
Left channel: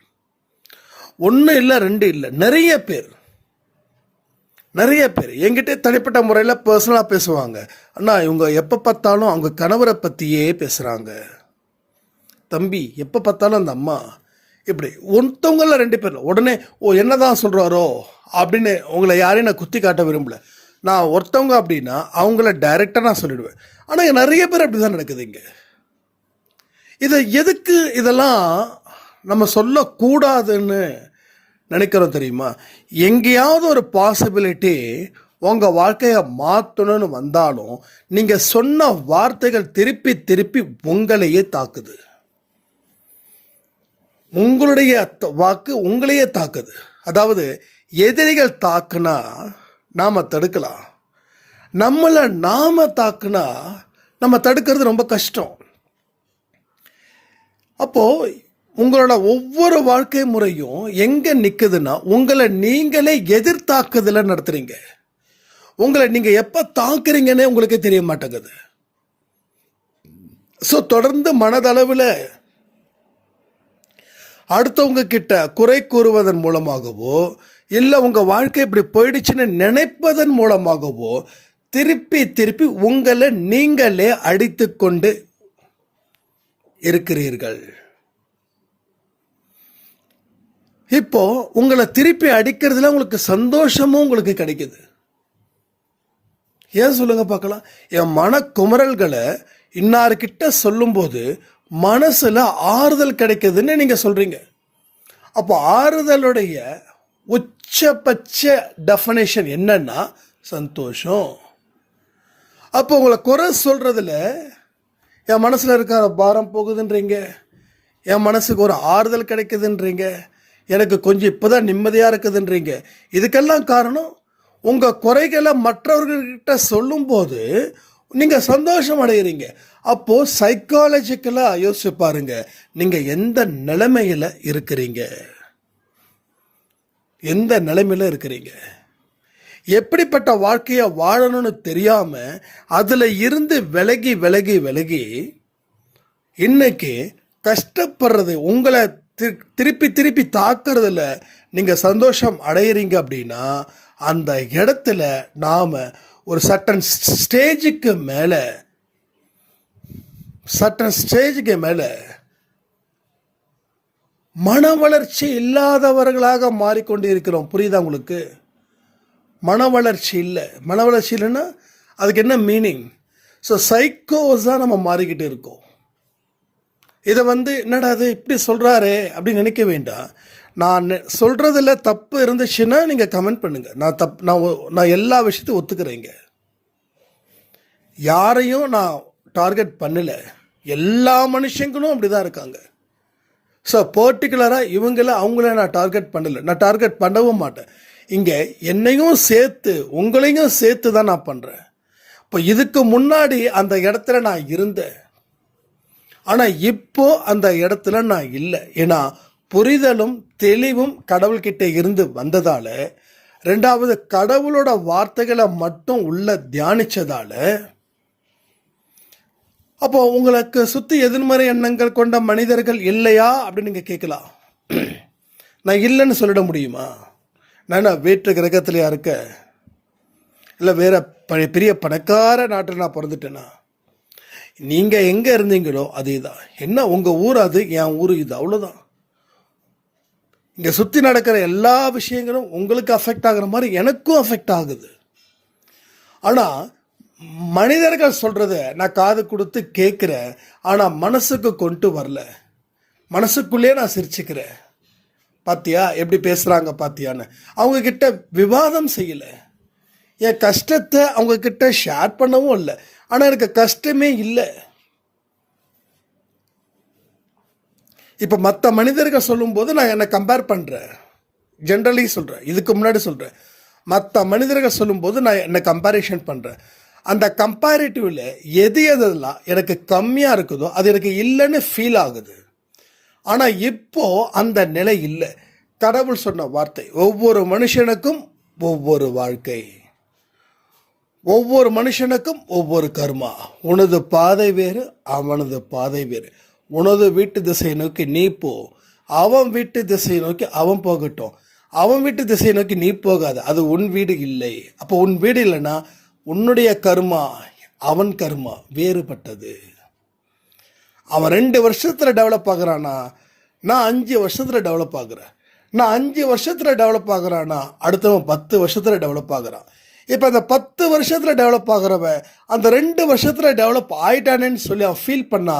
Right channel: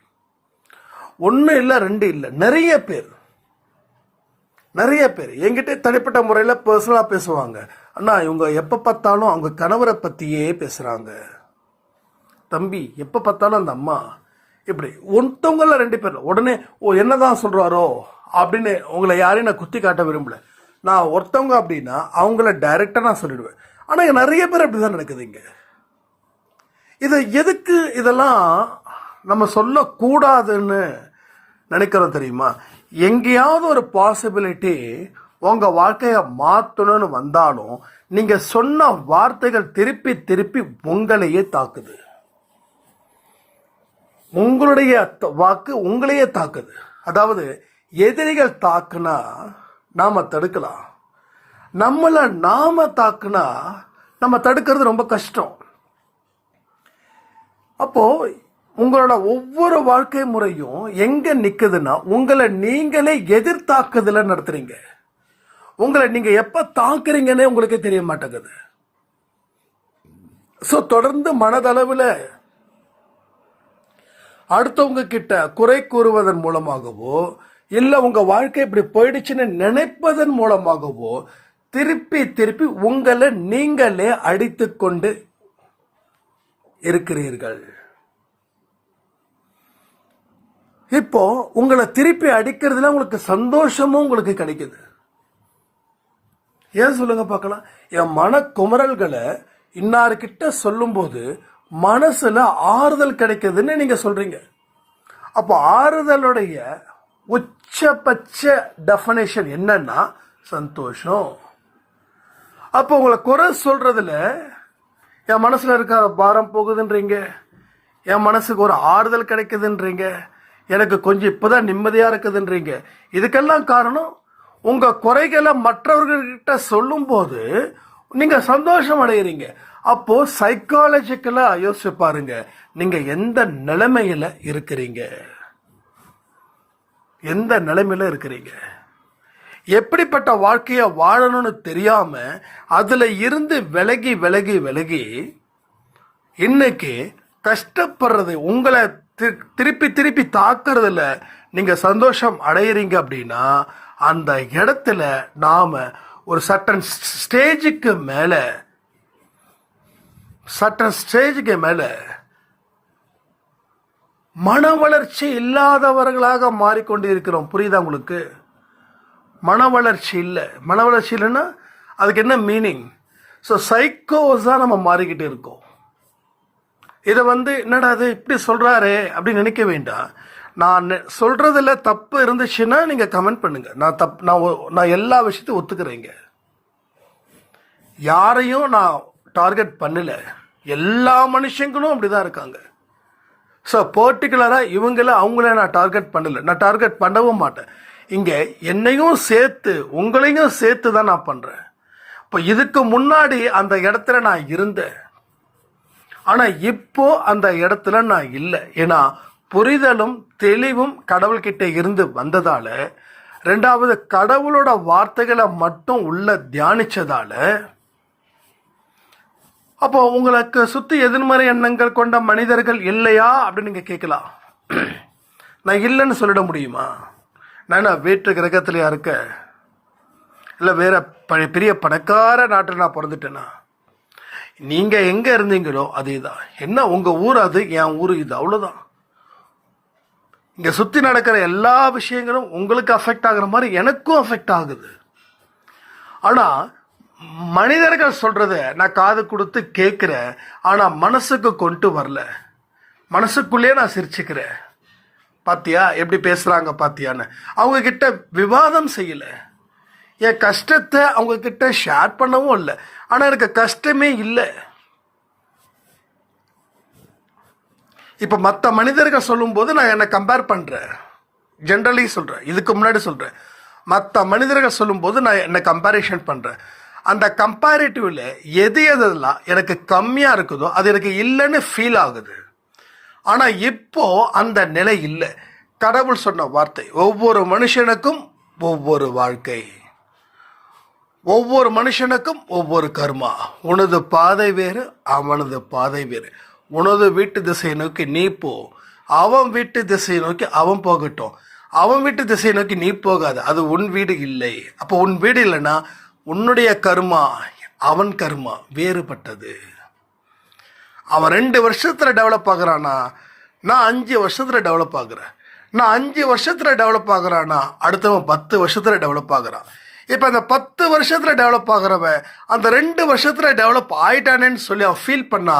1 இல்லை 2 இல்லை, நிறைய பேர் என்கிட்ட தனிப்பட்ட முறையில் பர்சனலாக பேசுவாங்க. அண்ணா இவங்க எப்போ பார்த்தாலும் அவங்க கணவரை பற்றியே பேசுகிறாங்க, தம்பி எப்போ பார்த்தாலும் அந்த அம்மா இப்படி. ஒருத்தவங்கள 2 பேர் உடனே என்னதான் சொல்கிறாரோ அப்படின்னு உங்களை யாரையும் நான் குத்தி காட்ட விரும்பல. நான் ஒருத்தவங்க அப்படின்னா அவங்கள டைரெக்டாக நான் சொல்லிடுவேன். ஆனால் நிறைய பேர் அப்படி தான் நடக்குது இங்கே. இதை எதுக்கு இதெல்லாம் நம்ம சொல்லக்கூடாதுன்னு நினைக்கிறோம் தெரியுமா? எங்கேயாவது ஒரு பாசிபிலிட்டி உங்கள் வாழ்க்கையை மாற்றணும்னு வந்தாலும் நீங்கள் சொன்ன வார்த்தைகள் திருப்பி திருப்பி உங்களையே தாக்குது. உங்களுடைய வாக்கு உங்களையே தாக்குது. அதாவது எதிரிகள் தாக்குனா நாம் தடுக்கலாம், நம்மளை நாம் தாக்குனா நம்ம தடுக்கிறது ரொம்ப கஷ்டம். அப்போது உங்களோட ஒவ்வொரு வாழ்க்கை முறையும் எங்கே நிற்குதுன்னா, உங்களை நீங்களே எதிர்த்தாக்குதல நடத்துறீங்க. உங்களை நீங்கள் எப்போ தாக்குறீங்கன்னே உங்களுக்கே தெரிய மாட்டேங்குது. ஸோ தொடர்ந்து மனதளவில் அடுத்தவங்க கிட்ட குறை கூறுவதன் மூலமாகவோ இல்லை உங்கள் வாழ்க்கை இப்படி போயிடுச்சுன்னு நினைப்பதன் மூலமாகவோ திருப்பி திருப்பி உங்களை நீங்களே அடித்து கொண்டு இருக்கிறீர்கள். இப்போ உங்களை திருப்பி அடிக்கிறதுல உங்களுக்கு சந்தோஷமும் உங்களுக்கு கிடைக்குது. ஏன் சொல்லுங்க பார்க்கலாம். என் மன குமரல்களை இன்னார்கிட்ட சொல்லும்போது மனசுல ஆறுதல் கிடைக்குதுன்னு நீங்க சொல்றீங்க. அப்போ ஆறுதலுடைய உச்சபட்ச டெஃபனேஷன் என்னன்னா சந்தோஷம். அப்போ உங்களை குறை சொல்றதுல என் மனசுல இருக்கிற பாரம் போகுதுன்றீங்க, என் மனசுக்கு ஒரு ஆறுதல் கிடைக்குதுன்றீங்க, எனக்கு கொஞ்சம் இப்போதான் நிம்மதியாக இருக்குதுன்றீங்க. இதுக்கெல்லாம் காரணம் உங்கள் குறைகளை மற்றவர்கள்கிட்ட சொல்லும்போது நீங்கள் சந்தோஷம் அடைகிறீங்க. அப்போது சைக்காலஜிக்கலாக யோசிச்சு பாருங்க, நீங்கள் எந்த நிலைமையில் இருக்கிறீங்க, எந்த நிலைமையில் இருக்கிறீங்க. எப்படிப்பட்ட வாழ்க்கையை வாழணும்னு தெரியாமல் அதில் இருந்து விலகி விலகி விலகி இன்னைக்கு கஷ்டப்படுறது, உங்களை திருப்பி திருப்பி தாக்குறதுல நீங்கள் சந்தோஷம் அடையிறீங்க அப்படின்னா அந்த இடத்துல நாம் ஒரு சட்டன் ஸ்டேஜுக்கு மேலே மன வளர்ச்சி இல்லாதவர்களாக மாறிக்கொண்டு இருக்கிறோம். புரியுதா உங்களுக்கு? மன வளர்ச்சி இல்லைன்னா அதுக்கு என்ன மீனிங்? ஸோ சைக்கோஸ் தான் நம்ம மாறிக்கிட்டு இருக்கோம். இதை என்னடா அது இப்படி சொல்கிறாரே அப்படின்னு நினைக்க வேண்டாம். நான் சொல்கிறதுல தப்பு இருந்துச்சுன்னா நீங்கள் கமெண்ட் பண்ணுங்கள். நான் எல்லா விஷயத்தையும் ஒத்துக்கிறேங்க. யாரையும் நான் டார்கெட் பண்ணலை. எல்லா மனுஷங்களும் அப்படி தான் இருக்காங்க. ஸோ பர்டிகுலராக அவங்கள நான் டார்கெட் பண்ணலை, நான் டார்கெட் பண்ணவும் மாட்டேன். இங்கே என்னையும் சேர்த்து உங்களையும் சேர்த்து தான் நான் பண்ணுறேன். இப்போ இதுக்கு முன்னாடி அந்த இடத்துல நான் இருந்தேன், ஆனால் இப்போ அந்த இடத்துல நான் இல்லை. ஏன்னா புரிதலும் தெளிவும் கடவுள்கிட்ட இருந்து வந்ததால், ரெண்டாவது கடவுளோட வார்த்தைகளை மட்டும் உள்ள தியானிச்சதால, அப்போ உங்களுக்கு சுற்றி எதிர்மறை எண்ணங்கள் கொண்ட மனிதர்கள் இல்லையா அப்படின்னு நீங்கள் கேட்கலாம். நான் இல்லைன்னு சொல்லிட முடியுமா? நான் வேற்று கிரகத்திலையா இருக்க, இல்லை வேற பெரிய பணக்கார நாட்டில் நான் பிறந்துட்டேன்னா? நீங்கள் எங்கே இருந்தீங்களோ அதே தான். என்ன உங்கள் ஊர் அது, என் ஊர் இது, அவ்வளோதான். இங்கே சுற்றி நடக்கிற எல்லா விஷயங்களும் உங்களுக்கு அஃபெக்ட் ஆகிற மாதிரி எனக்கும் அஃபெக்ட் ஆகுது. ஆனால் மனிதர்கள் சொல்கிறத நான் காது கொடுத்து கேட்குறேன், ஆனால் மனசுக்கு கொண்டு வரல. மனசுக்குள்ளே நான் சிரிச்சுக்கிறேன். பாத்தியா எப்படி பேசுகிறாங்க பாத்தியான்னு. அவங்கக்கிட்ட விவாதம் செய்யலை, என் கஷ்டத்தை அவங்கக்கிட்ட ஷேர் பண்ணவும் இல்லை. ஆனால் எனக்கு கஷ்டமே இல்லை. இப்போ மற்ற மனிதர்கள் சொல்லும்போது நான் என்னை கம்பேர் பண்ணுறேன். ஜென்ரலி சொல்கிறேன், இதுக்கு முன்னாடி சொல்கிறேன். மற்ற மனிதர்கள் சொல்லும்போது நான் என்னை கம்பேரிஷன் பண்ணுறேன். அந்த கம்பேரிட்டிவில் எதெல்லாம் எனக்கு கம்மியாக இருக்குதோ அது எனக்கு இல்லைன்னு ஃபீல் ஆகுது. ஆனால் இப்போ அந்த நிலை இல்லை. கடவுள் சொன்ன வார்த்தை, ஒவ்வொரு மனுஷனுக்கும் ஒவ்வொரு வாழ்க்கை, ஒவ்வொரு மனுஷனுக்கும் ஒவ்வொரு கர்மா. உனது பாதை வேறு, அவனது பாதை வேறு. உனது வீட்டு திசையை நோக்கி நீ போ, அவன் வீட்டு திசையை நோக்கி அவன் போகட்டும். அவன் வீட்டு திசையை நோக்கி நீ போகாது, அது உன் வீடு இல்லை. அப்போ உன் வீடு இல்லைன்னா உன்னுடைய கர்மா அவன் கர்மா வேறுபட்டது. அவன் 2 வருஷத்தில் டெவலப் ஆகுறானா, நான் 5 வருஷத்தில் டெவலப் ஆகுறேன். நான் 5 வருஷத்தில் டெவலப் ஆகுறானா, அடுத்தவன் 10 வருஷத்தில் டெவலப் ஆகுறான். இப்போ அந்த 10 வருஷத்தில் டெவலப் ஆகிறவன் அந்த 2 வருஷத்தில் டெவலப் ஆயிட்டானேன்னு சொல்லி அவன் ஃபீல் பண்ணா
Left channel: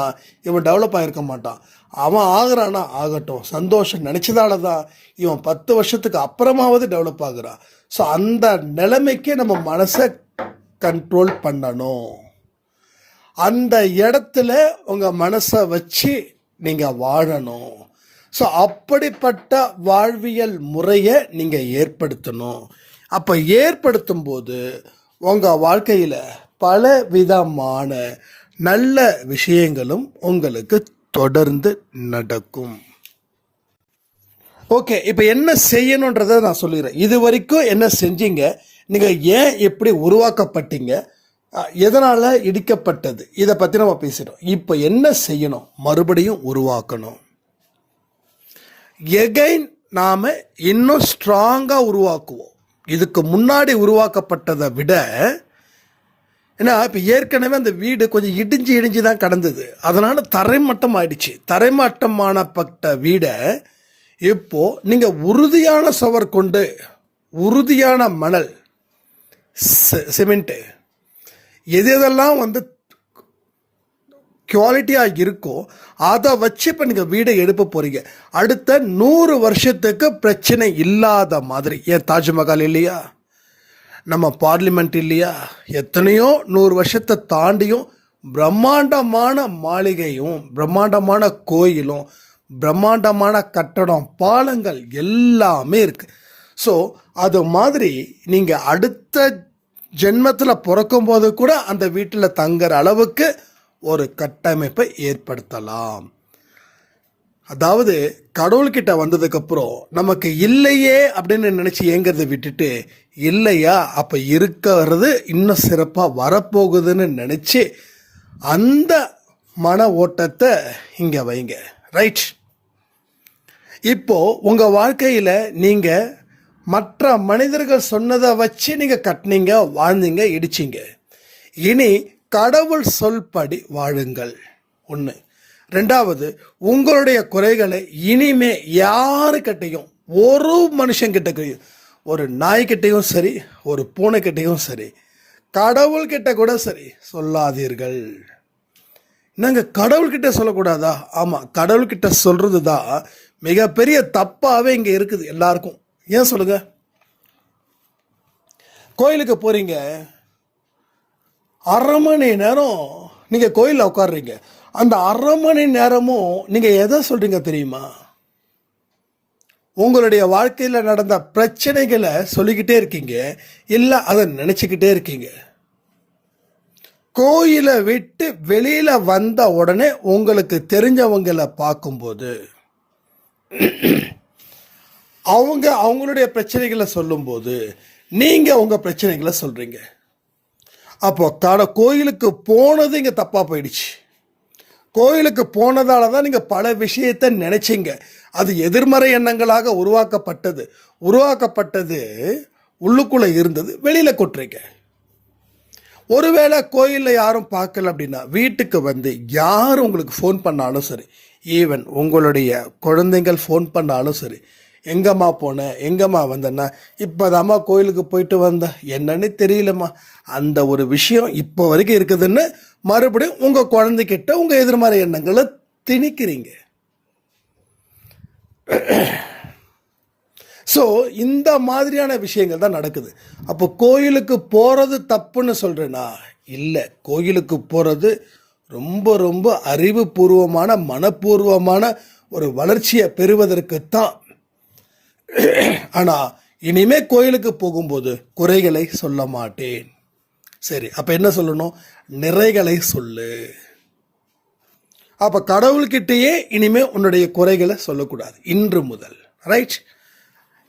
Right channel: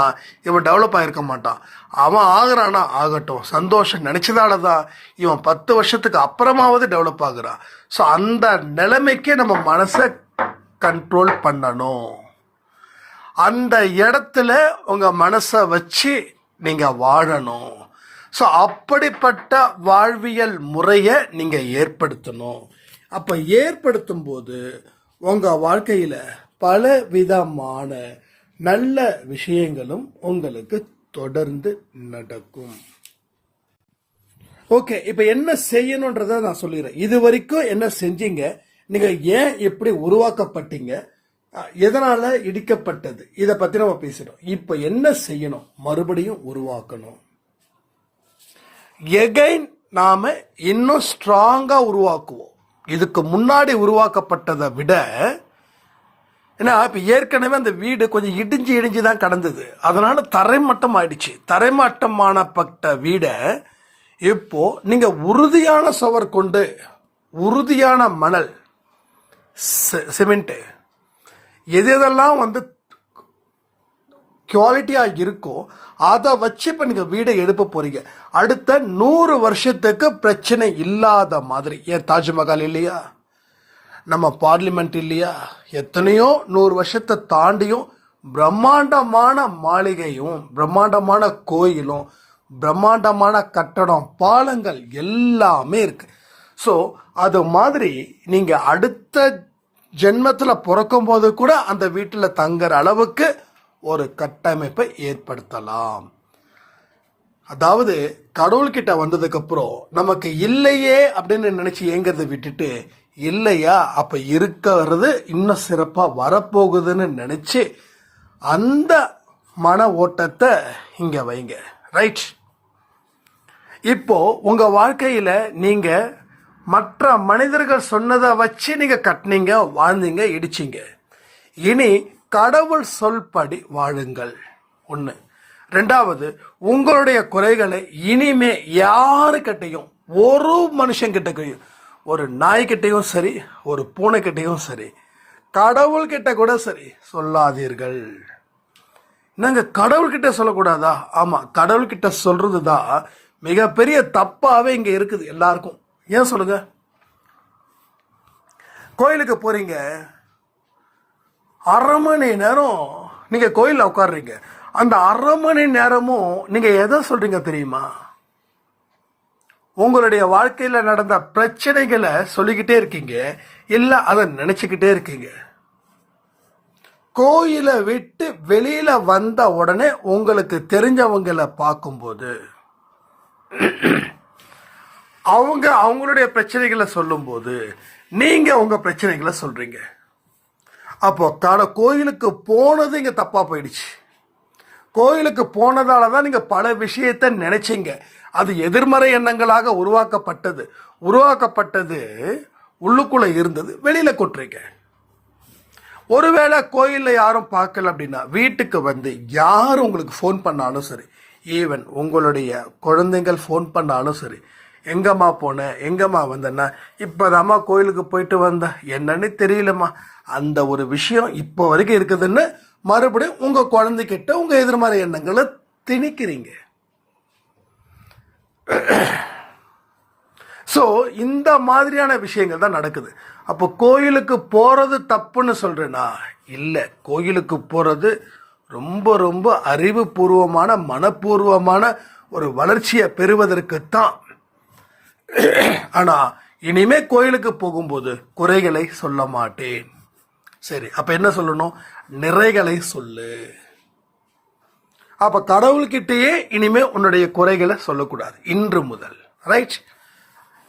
இவன் டெவலப் ஆகிருக்க மாட்டான். அவன் ஆகுறானா ஆகட்டும், சந்தோஷம் நினச்சதால தான் இவன் 10 வருஷத்துக்கு அப்புறமாவது டெவலப் ஆகுறான். ஸோ அந்த நிலைமைக்கே நம்ம மனசை கண்ட்ரோல் பண்ணணும். அந்த இடத்துல உங்கள் மனசை வச்சு நீங்கள் வாழணும். ஸோ அப்படிப்பட்ட வாழ்வியல் முறையை நீங்கள் ஏற்படுத்தணும். அப்போ ஏற்படுத்தும் போது உங்கள் வாழ்க்கையில் பல விதமான நல்ல விஷயங்களும் உங்களுக்கு தொடர்ந்து நடக்கும். ஓகே, இப்போ என்ன செய்யணுன்றதை நான் சொல்லிடுறேன். இது வரைக்கும் என்ன செஞ்சீங்க, நீங்கள் ஏன் எப்படி உருவாக்கப்பட்டீங்க, எதனால் இடிக்கப்பட்டது, இதை பற்றி நம்ம பேசுகிறோம். இப்போ என்ன செய்யணும், மறுபடியும் உருவாக்கணும். எகைன் நாம் இன்னும் ஸ்ட்ராங்காக உருவாக்குவோம். இதுக்கு முன்னாடி உருவாக்கப்பட்டதை விட, ஏன்னா இப்போ ஏற்கனவே அந்த வீடு கொஞ்சம் இடிஞ்சு தான் கடந்தது, அதனால் தரைமட்டம் ஆயிடுச்சு. தரைமட்டமானப்பட்ட வீடை இப்போ நீங்க உறுதியான சுவர் கொண்டு, உறுதியான மணல், சிமெண்ட், எதெல்லாம் குவாலிட்டியாக இருக்கோ அதை வச்சு இப்போ நீங்கள் வீடை எழுப்ப போகிறீங்க. அடுத்த 100 வருஷத்துக்கு பிரச்சனை இல்லாத மாதிரி. ஏன் தாஜ்மஹால் இல்லையா, நம்ம பார்லிமெண்ட் இல்லையா, எத்தனையோ 100 வருஷத்தை தாண்டியும் பிரம்மாண்டமான மாளிகையும் பிரம்மாண்டமான கோயிலும் பிரம்மாண்டமான கட்டடம், பாலங்கள் எல்லாமே இருக்குது. ஸோ அது மாதிரி நீங்கள் அடுத்த ஜென்மத்தில் பிறக்கும்போது கூட அந்த வீட்டில் தங்குற அளவுக்கு ஒரு கட்டமைப்பை ஏற்படுத்தலாம். அதாவது கடவுள்கிட்ட வந்ததுக்கப்புறம் நமக்கு இல்லையே அப்படின்னு நினச்சி ஏங்கிறத விட்டுட்டு, இல்லையா அப்போ இருக்கிறது இன்னும் சிறப்பாக வரப்போகுதுன்னு நினச்சி அந்த மன ஓட்டத்தை இங்கே வைங்க. ரைட். இப்போ உங்கள் வாழ்க்கையில் நீங்கள் மற்ற மனிதர்கள் சொன்னதை வச்சு நீங்கள் கட்டினீங்க, வாழ்ந்தீங்க, இடிச்சிங்க. இனி கடவுள் சொல்படி வாழுங்கள். 1. 2வது, உங்களுடைய குறைகளை இனிமே யாருக்கிட்டையும், ஒரு மனுஷங்கிட்டையும், ஒரு நாய்கிட்டையும் சரி, ஒரு பூனைக்கிட்டையும் சரி, கடவுள்கிட்ட கூட சரி சொல்லாதீர்கள். நாங்கள் கடவுள்கிட்ட சொல்லக்கூடாதா? ஆமாம், கடவுள்கிட்ட சொல்கிறது தான் மிகப்பெரிய தப்பாகவே இங்கே இருக்குது எல்லாருக்கும். ஏன் சொல்லுங்க? கோயிலுக்கு போகிறீங்க, 1/2 மணி நேரம் நீங்கள் கோயிலில் உட்காடுறீங்க. அந்த 1/2 மணி நேரமும் நீங்கள் எதை சொல்கிறீங்க தெரியுமா? உங்களுடைய வாழ்க்கையில் நடந்த பிரச்சனைகளை சொல்லிக்கிட்டே இருக்கீங்க, இல்லை அதை நினச்சிக்கிட்டே இருக்கீங்க. கோயிலை விட்டு வெளியில் வந்த உடனே உங்களுக்கு தெரிஞ்சவங்களை பார்க்கும்போது அவங்களுடைய பிரச்சனைகளை சொல்லும்போது நீங்கள் உங்கள் பிரச்சனைகளை சொல்கிறீங்க. அப்போ கோயிலுக்கு போனது இங்கே தப்பாக போயிடுச்சு. கோயிலுக்கு போனதால தான் நீங்கள் பல விஷயத்தை நினைச்சிங்க. அது எதிர்மறை எண்ணங்களாக உருவாக்கப்பட்டது உள்ளுக்குள்ளே இருந்தது, வெளியில் கொட்டுறீங்க. ஒருவேளை கோயிலில் யாரும் பார்க்கல அப்படின்னா வீட்டுக்கு வந்து யார் உங்களுக்கு ஃபோன் பண்ணாலும் சரி, ஈவன் உங்களுடைய குழந்தைங்கள் ஃபோன் பண்ணாலும் சரி, எங்கம்மா போனேன், எங்கம்மா வந்தேன்னா, இப்போதாம்மா கோயிலுக்கு போயிட்டு வந்தேன், என்னன்னு தெரியலம்மா, அந்த ஒரு விஷயம் இப்போ வரைக்கும் இருக்குதுன்னு மறுபடியும் உங்கள் குழந்தைகிட்ட உங்கள் எதிர்மறை எண்ணங்களை திணிக்கிறீங்க. ஸோ இந்த மாதிரியான விஷயங்கள் தான் நடக்குது. அப்போ கோயிலுக்கு போகிறது தப்புன்னு சொல்கிறேன்னா இல்லை, கோயிலுக்கு போகிறது ரொம்ப ரொம்ப அறிவுபூர்வமான, மனப்பூர்வமான ஒரு வளர்ச்சியை பெறுவதற்குத்தான். ஆனால் இனிமே கோயிலுக்கு போகும்போது குறைகளை சொல்ல மாட்டேன். சரி, அப்போ என்ன சொல்லணும்? நிறைகளை சொல்லு. அப்போ கடவுள்கிட்டயே இனிமே உன்னுடைய குறைகளை சொல்லக்கூடாது இன்று முதல். ரைட்?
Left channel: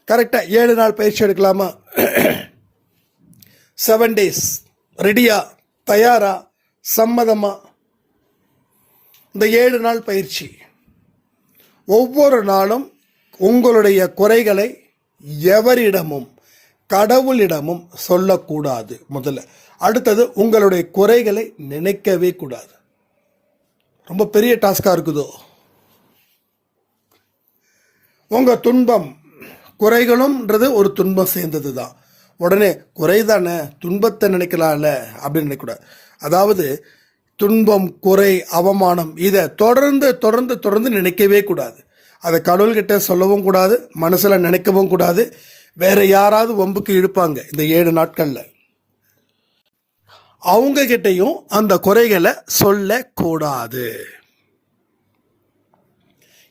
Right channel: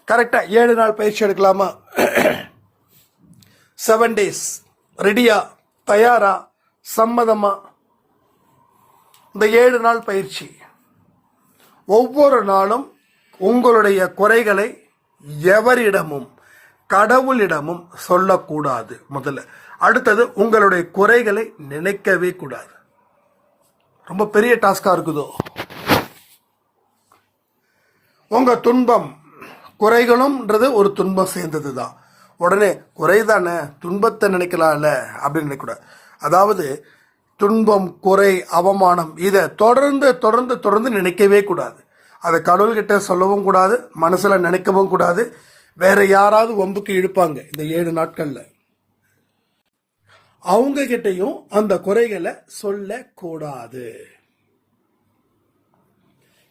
கரெக்டாக 7 நாள் பயிற்சி எடுக்கலாமா? 7 days ரெடியா, தயாரா, சம்மதமா? இந்த 7 நாள் பயிற்சி ஒவ்வொரு நாளும் உங்களுடைய குறைகளை எவரிடமும் கடவுளிடமும் சொல்லக்கூடாது முதல்ல. அடுத்தது, உங்களுடைய குறைகளை நினைக்கவே கூடாது. ரொம்ப பெரிய டாஸ்காக இருக்குதோ? உங்கள் துன்பம், குறைகளும்ன்றது ஒரு துன்பம் சேர்ந்தது தான். உடனே குறை தானே, துன்பத்தை நினைக்கலாம்ல அப்படின்னு நினைக்கக்கூடாது. அதாவது துன்பம், குறை, அவமானம் இதை தொடர்ந்து தொடர்ந்து தொடர்ந்து நினைக்கவே கூடாது. அதை கடவுள்கிட்ட சொல்லவும் கூடாது, மனசில் நினைக்கவும் கூடாது. வேற யாராவது வம்புக்கு இழுப்பாங்க இந்த 7 நாட்களில், அவங்க கிட்டையும் அந்த குறைகளை சொல்லக்கூடாது.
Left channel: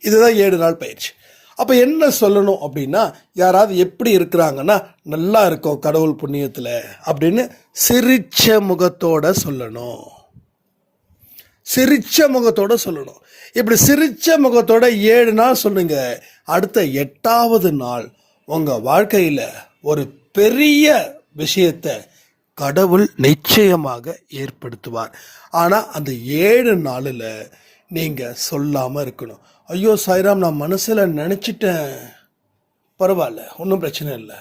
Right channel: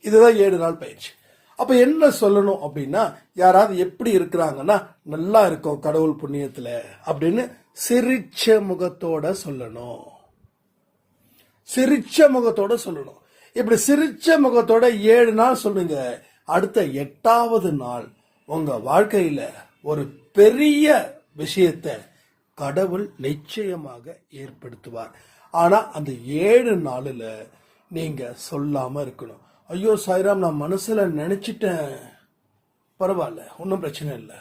இதுதான் 7 நாள் பயிற்சி. அப்போ என்ன சொல்லணும் அப்படின்னா, யாராவது எப்படி இருக்கிறாங்கன்னா, நல்லா இருக்கோம் கடவுள் புண்ணியத்தில் அப்படின்னு சிரிச்ச முகத்தோட சொல்லணும். சிரிச்ச முகத்தோட சொல்லணும். இப்படி சிரிச்ச முகத்தோட 7 நாள் சொல்லுங்க. அடுத்த 8வது நாள் உங்கள் வாழ்க்கையில் ஒரு பெரிய விஷயத்தை கடவுள் நிச்சயமாக ஏற்படுத்துவார். ஆனால் அந்த 7 நாளில் நீங்கள் சொல்லாமல் இருக்கணும். ஐயோ சாய்ராம், நான் மனசில் நினச்சிட்டேன், பரவாயில்ல, ஒன்றும் பிரச்சனை இல்லை.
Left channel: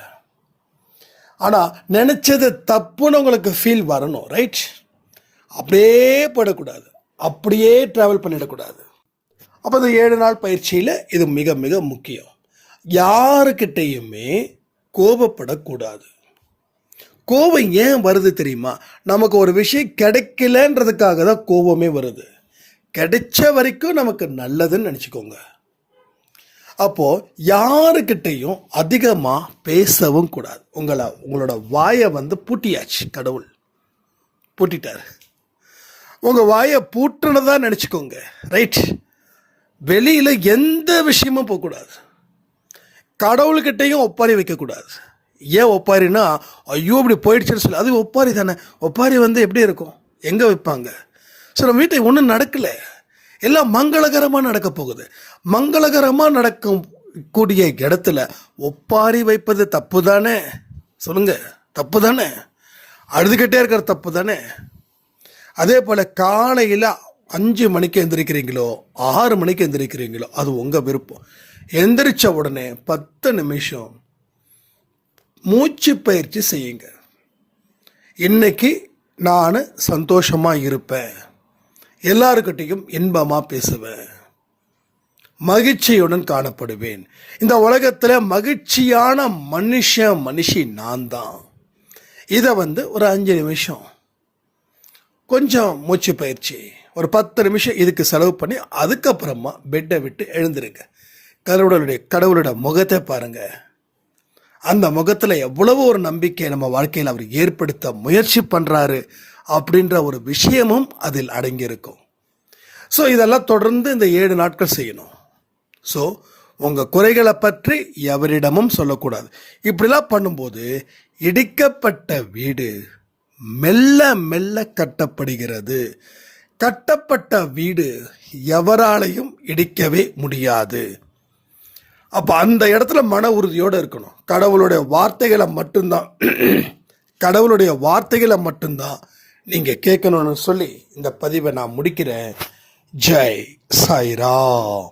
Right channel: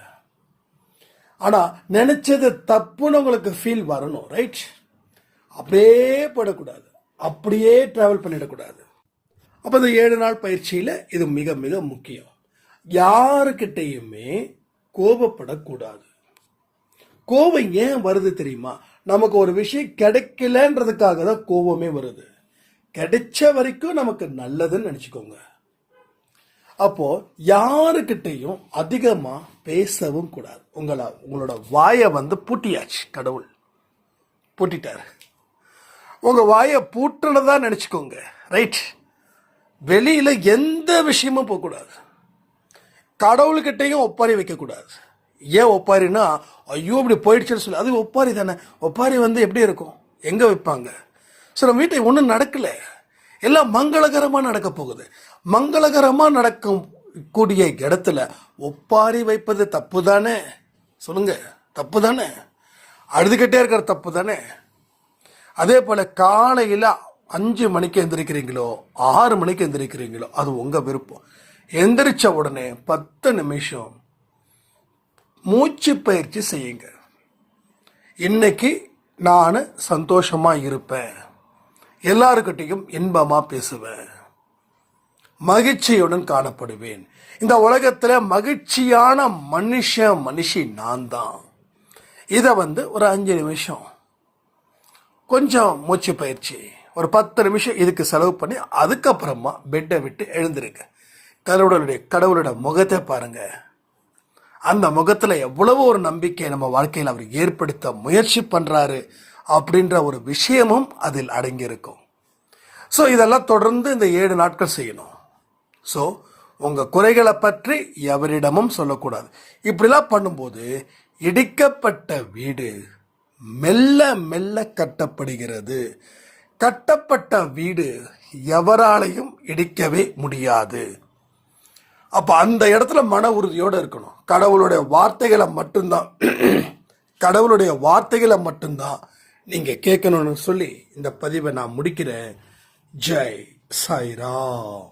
ஆனால் நினச்சது தப்புன்னு உங்களுக்கு ஃபீல் வரணும். ரைட்? அப்படியே போயிடக்கூடாது, அப்படியே ட்ராவல் பண்ணிடக்கூடாது. அப்போ இந்த 7 நாள் பயிற்சியில் இது மிக மிக முக்கியம். யாருக்கிட்டையுமே கோபப்படக்கூடாது. கோபம் ஏன் வருது தெரியுமா? நமக்கு ஒரு விஷயம் கிடைக்கலன்றதுக்காக தான் கோபமே வருது. கிடைச்ச வரைக்கும் நமக்கு நல்லதுன்னு நினச்சிக்கோங்க. அப்போ யாருக்கிட்டையும் அதிகமாக பேசவும் கூடாது. உங்களோட வாயை பூட்டியாச்சு, கடவுள் பூட்டிட்டார். உங்கள் வாயை பூட்டுனதா நினச்சிக்கோங்க, ரைட்? வெளியில் எந்த விஷயமும் போகக்கூடாது. கடவுள்கிட்டையும் ஒப்பாரி வைக்கக்கூடாது. ஏன் ஒப்பாரின்னா, ஐயோ இப்படி போயிடுச்சுன்னு சொல்லி, அது ஒப்பாரி தானே. ஒப்பாரி எப்படி இருக்கும், எங்கே வைப்பாங்க? ஸோ நம்ம வீட்டை ஒன்றும் நடக்கலை, எல்லாம் மங்களகரமாக நடக்க போகுது. மங்களகரமாக நடக்கும் கூடிய இடத்துல ஒப்பாரி வைப்பது தப்பு தானே? சொல்லுங்க, தப்பு தானே? அழுதுகிட்டே இருக்கிற தப்பு தானே? அதே போல் காலையில் 5 மணிக்கு எந்திரிக்கிறீங்களோ 6 மணிக்கு எந்திரிக்கிறீங்களோ அது உங்கள் விருப்பம். எந்திரிச்ச உடனே 10 நிமிஷம் மூச்சு பயிற்சி செய்யுங்க. இன்னைக்கு நான் சந்தோஷமாக இருப்பேன், எல்லாருக்கிட்டையும் இன்பமாக பேசுவேன், மகிழ்ச்சியுடன் காணப்படுவேன். இந்த உலகத்தில் மகிழ்ச்சியான மனுஷி நான் தான். இதை ஒரு 5 நிமிஷம் கொஞ்சம் மூச்சு பயிற்சி, ஒரு 10 நிமிஷம் இதுக்கு செலவு பண்ணி அதுக்கப்புறமா பெட்டை விட்டு எழுந்திருங்க. கடவுளோட முகத்தை பாருங்க. அந்த முகத்தில் எவ்வளவு ஒரு நம்பிக்கை நம்ம வாழ்க்கையில் அவர் ஏற்படுத்த முயற்சி பண்ணுறாரு அப்படின்ற ஒரு விஷயமும் அதில் அடங்கியிருக்கும். ஸோ இதெல்லாம் தொடர்ந்து இந்த 7 நாட்கள் செய்யணும். ஸோ உங்கள் குறைகளை பற்றி எவரிடமும் சொல்லக்கூடாது. இப்படிலாம் பண்ணும்போது இடிக்கப்பட்ட வீடு மெல்ல மெல்ல கட்டப்படுகிறது. கட்டப்பட்ட வீடு எவராலையும் இடிக்கவே முடியாது. அப்போ அந்த இடத்துல மன உறுதியோடு இருக்கணும். கடவுளுடைய வார்த்தைகளை மட்டும்தான் நீங்கள் கேட்கணும்னு சொல்லி இந்த பதிவை நான் முடிக்கிறேன். ஜெய் சாய்ராம்.